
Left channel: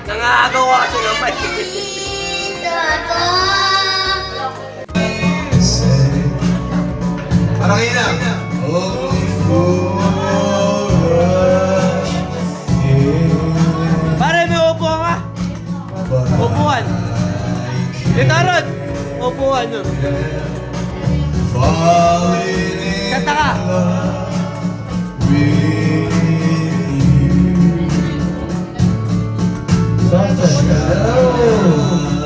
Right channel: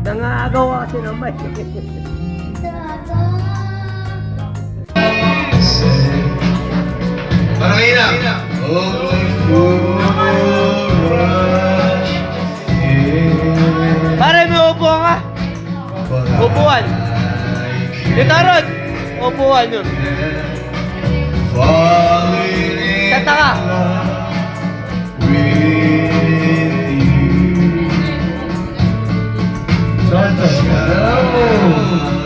Nangagaw kasi ng mic. Nandito ako. Parang ilang. Only for us. Pare, may upuan ka. Upuan. Dito ron. Upuan yun. Falling in Kanta ka. with you.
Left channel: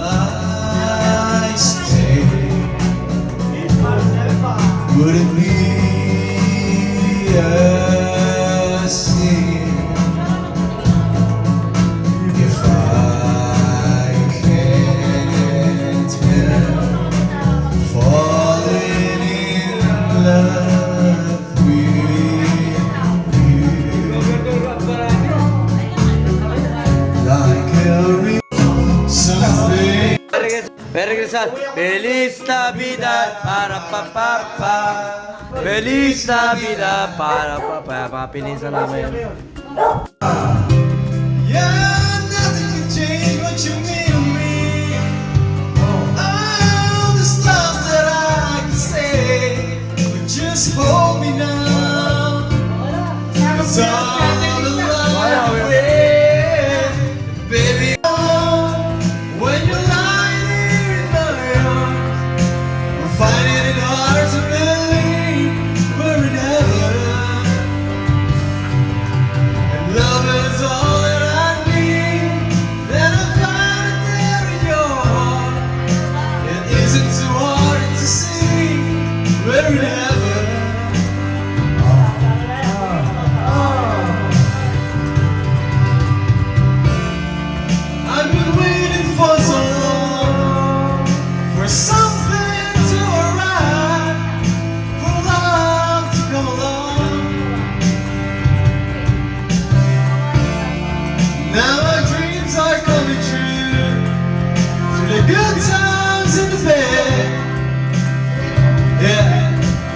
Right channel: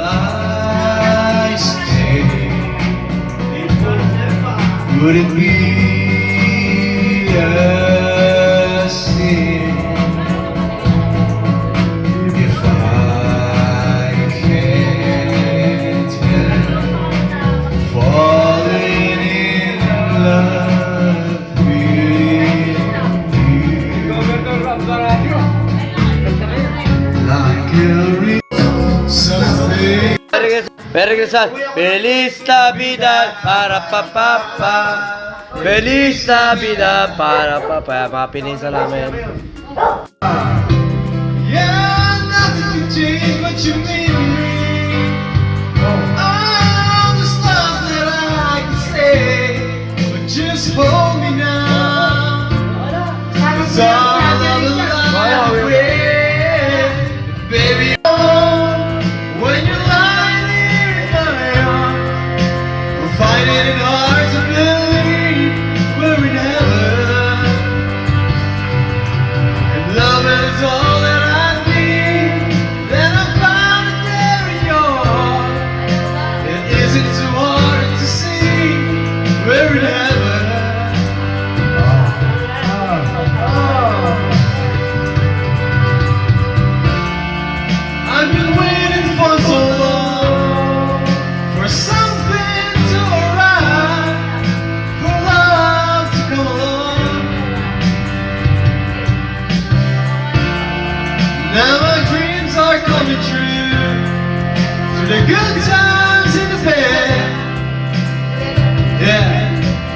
I stay. Would it be a sin if I can't help falling in love with you? Like a something. Merry Christmas. Feliz Navidad para papapa. Feliz Navidad para papa. Mga pinisa namin. Yeah, nothing can change what you mean to me. All the stuff that I can say, but just hold me now. It's all alive with, baby. Oh, when you're lying here in my arms, we're finding it hard to believe we're in heaven. And love is all that I need. Then I found it there in your heart. It isn't too hard to see we're in heaven. I've been waiting for so long for something to arrive, for love to come along. Now my dreams are coming true through the good times in the bed. Yeah,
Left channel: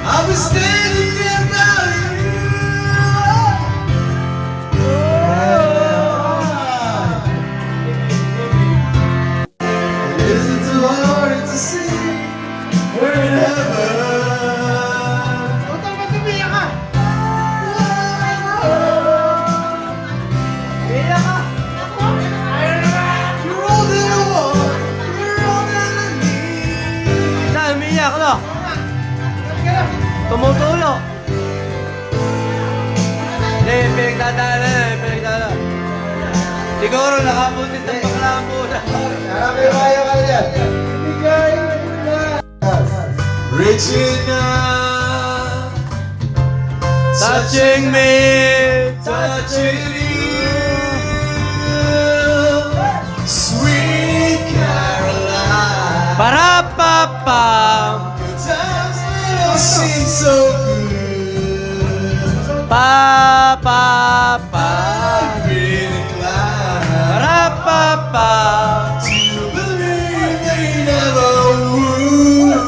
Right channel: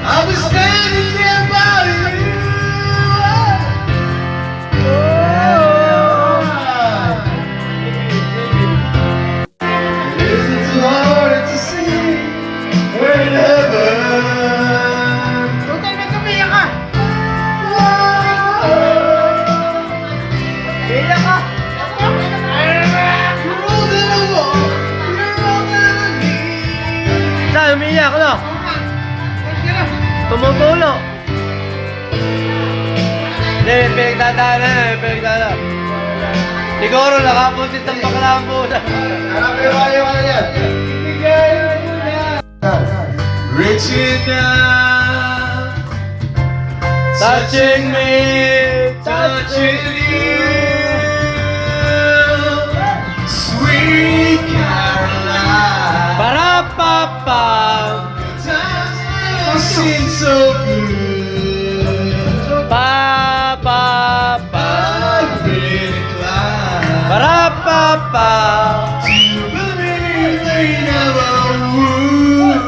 I was standing there by you. Isn't too hard to see we're in heaven. Total, ba't umiyak ka? Iyak ka. You're all that I want, you're all that I need. Saan umiiyak, no? Tumutulo. Hindi, pinagdadaanan. Siguro nakapuntit ng baklaan muna. Rich enough, touching me, touching you, sweet Caroline. Para-pa-pa. Times never seem so good. Pa-pa-pa. I've been inclined Para-pa-pa. to believe they never would.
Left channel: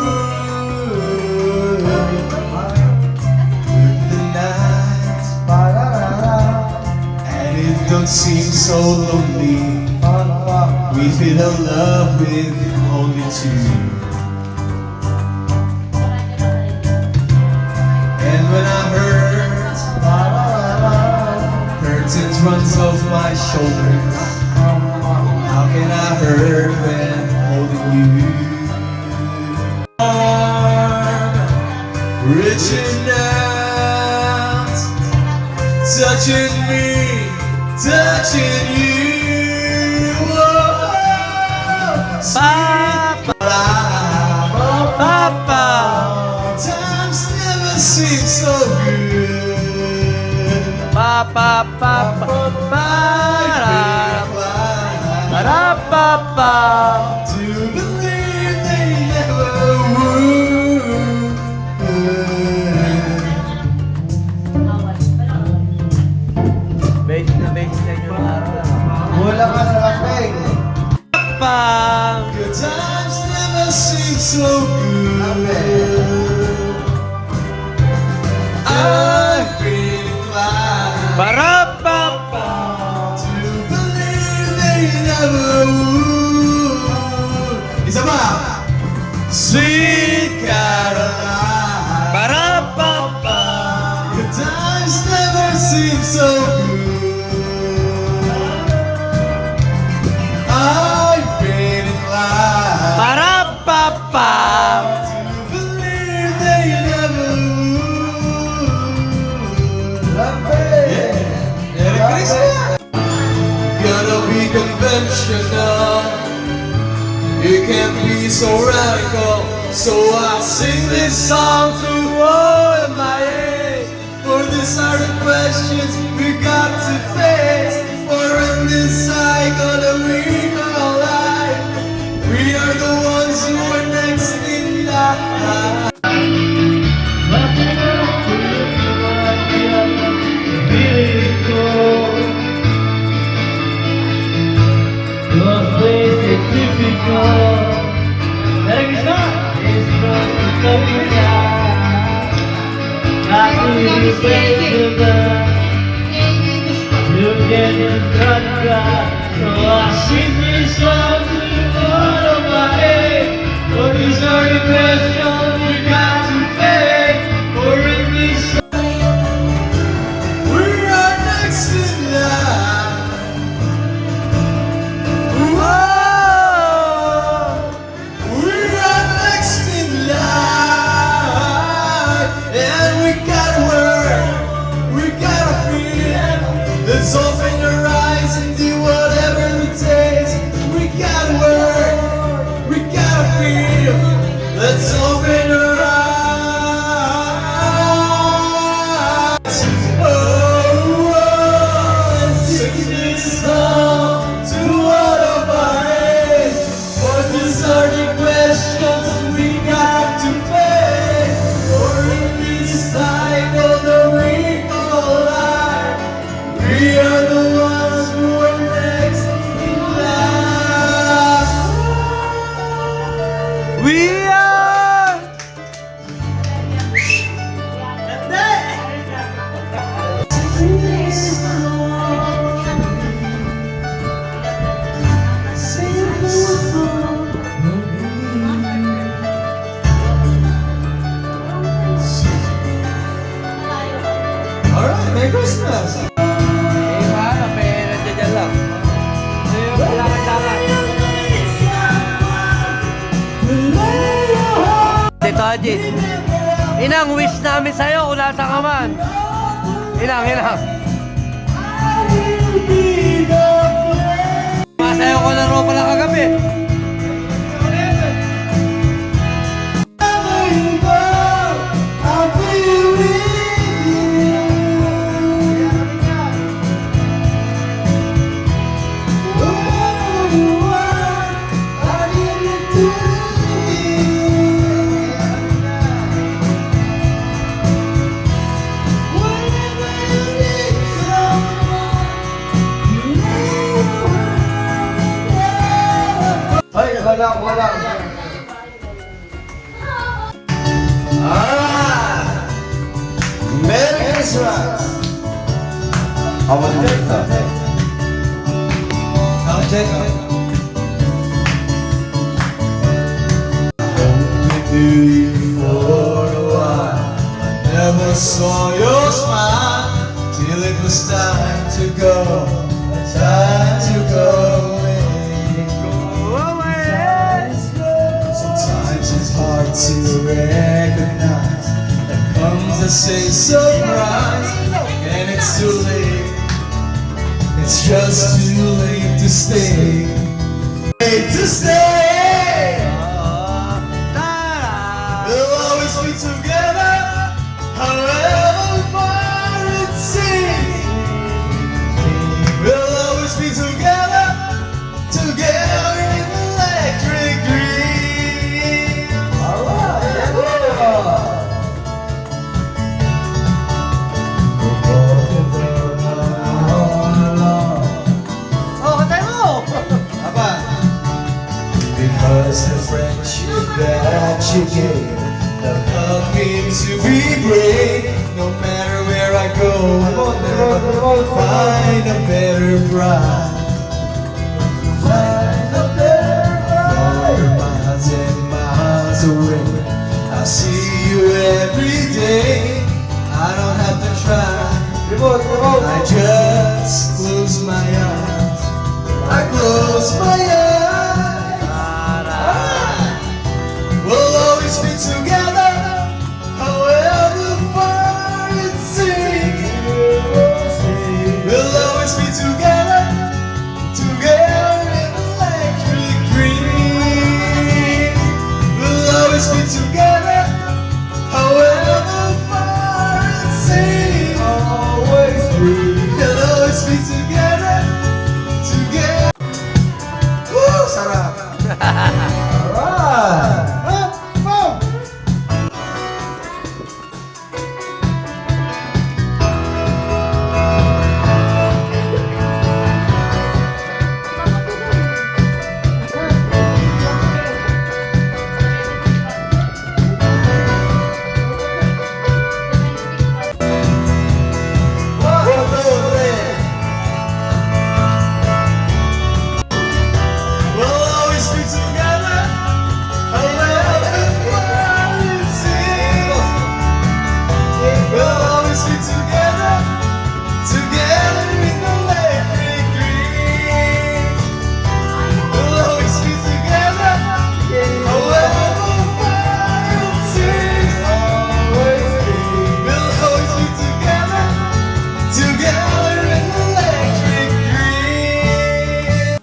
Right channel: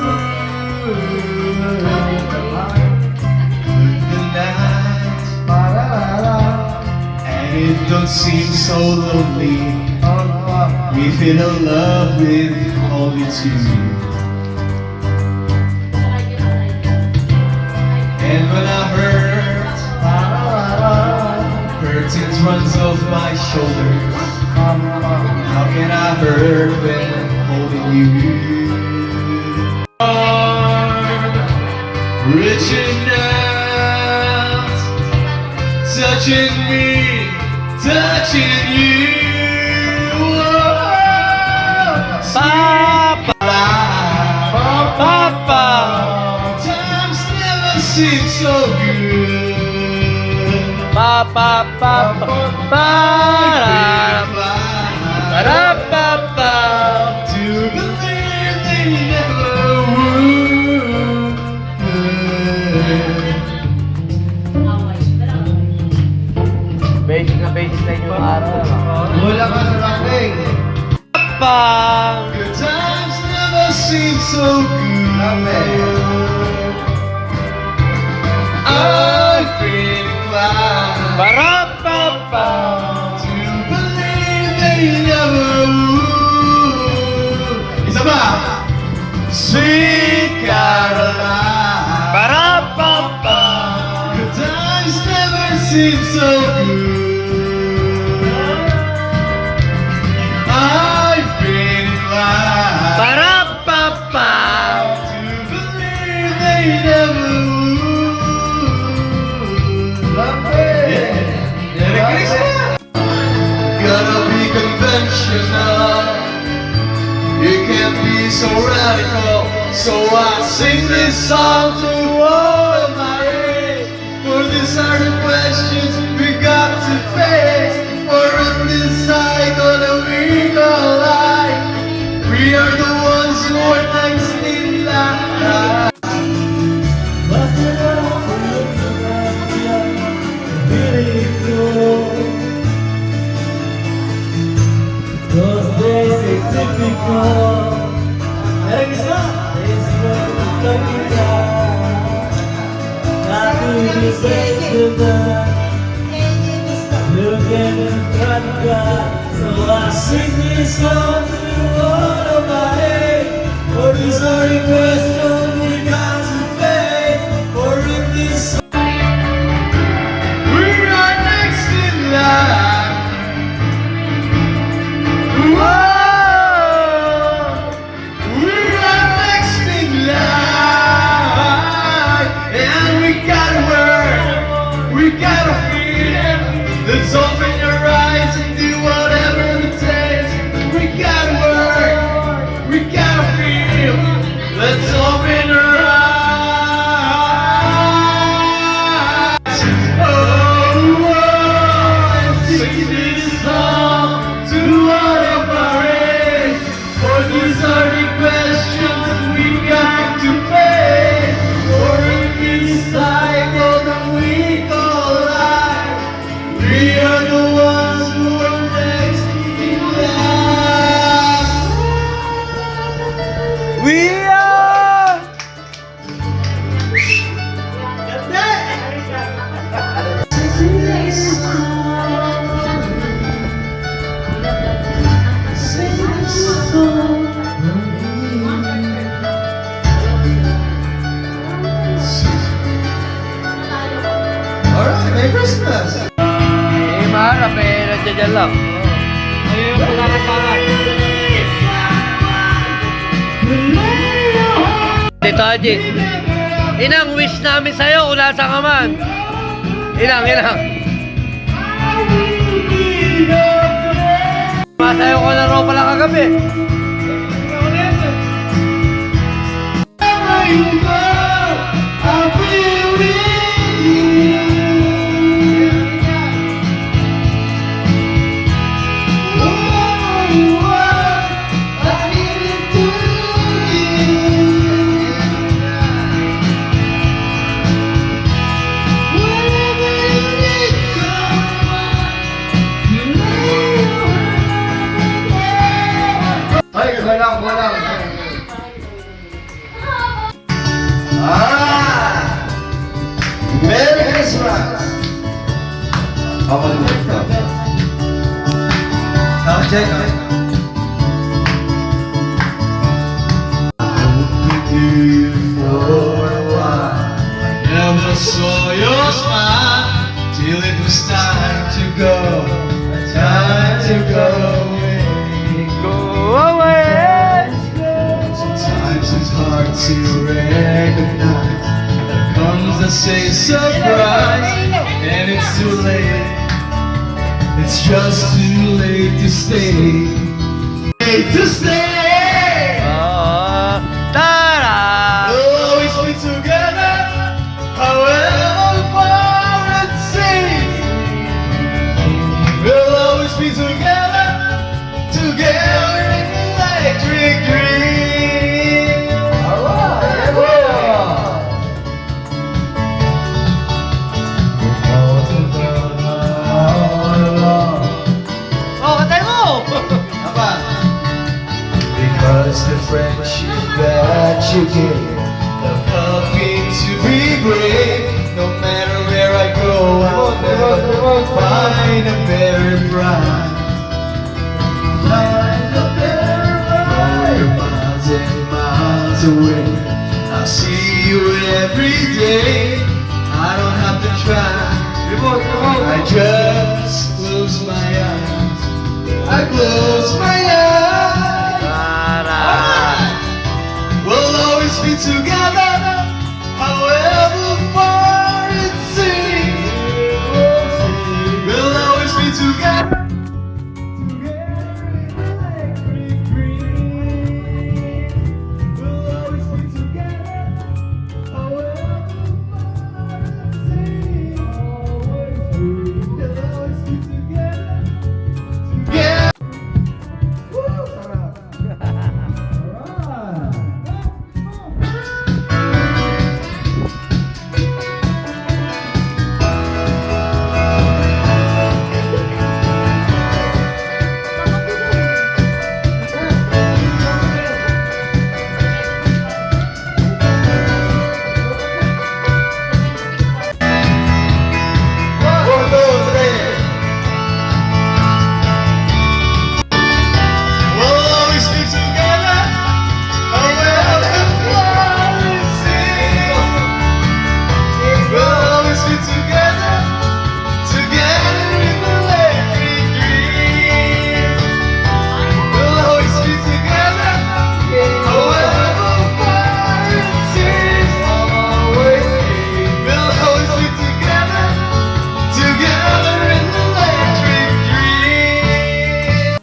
The night, and it don't seem so lonely. We feel a love with only two. And when I hurt, hurting runs off my shoulders. How can I hurt when holding you? Arm, reaching out, touching me, touching you. Pa-pa. Pa-pa. Times never seem so good. Pa-pa-pa-pa. Para. Para-pa-pa. To believe they never would. Basic na basic sa inyo ng araw. Wala ka sa lambing. Pa. Good times never seem so good. I've been inclined Para-pa-pa. to believe they never would. Isa pa! Sweet Caroline. Para-pa-pa. Good times never seem so good. I've been inclined Para-pa-pa. to believe they never would. Yeah. Merry Christmas! Gonna be conventional. You can't be so radical. So I sing this song to all of my age. For these are the questions we got to face. For in this cycle that we call life, we are the ones who are next in line. These are the questions we got to face. For in this we are dyan lang. Ayun, wala kang dapat. Dito, Haji. Inang wish namin sa'yo kung nasa ka man. Inang. Masayo ko na ropa lang kagabi. Ay, walang. Alright! Merry Christmas! Ako na dito. Check. For a while, I never saw your smile till it was time to go away. Sometimes it's hard to recognize. There comes a surprise, and it's too late. It's just too late to stay. Late to stay. We'll always be together, however far it seems. We'll always be together, together in electric dreams. Alright, Oh, katay mo! Because the friendship that you gave, the helping to be brave. No matter where I go, I'll never find a better bride. You're miles and miles away. I see you every day. I don't have to try. I just close my eyes. I close my eyes. We'll always be together, however far it seems. We'll always be together, together in electric dreams. We'll always be together, however far it seems. We'll always be together, together. Woo, sarap. We'll always be together, however far it seems. We'll always be together, together in electric dreams. We'll always be together, however far it seems. We'll always be together, together in electric dreams.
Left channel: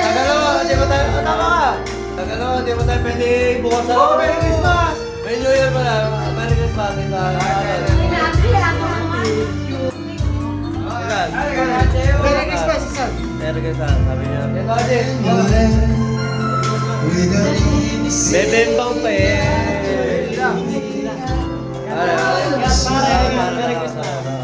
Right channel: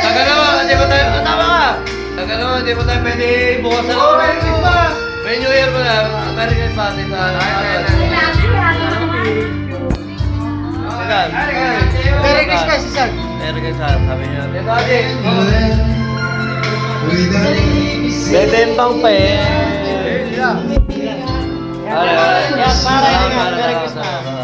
Tagal naman, hindi pa tayo, tama ka! Tagal naman, hindi pa tayo pwede bukas sa loob. Merry Christmas! May New Year pa na, Merry Christmas. Merry Christmas, Isan. Merry Christmas, sabi niya. Bebembang pa eh. Para. Merry Christmas.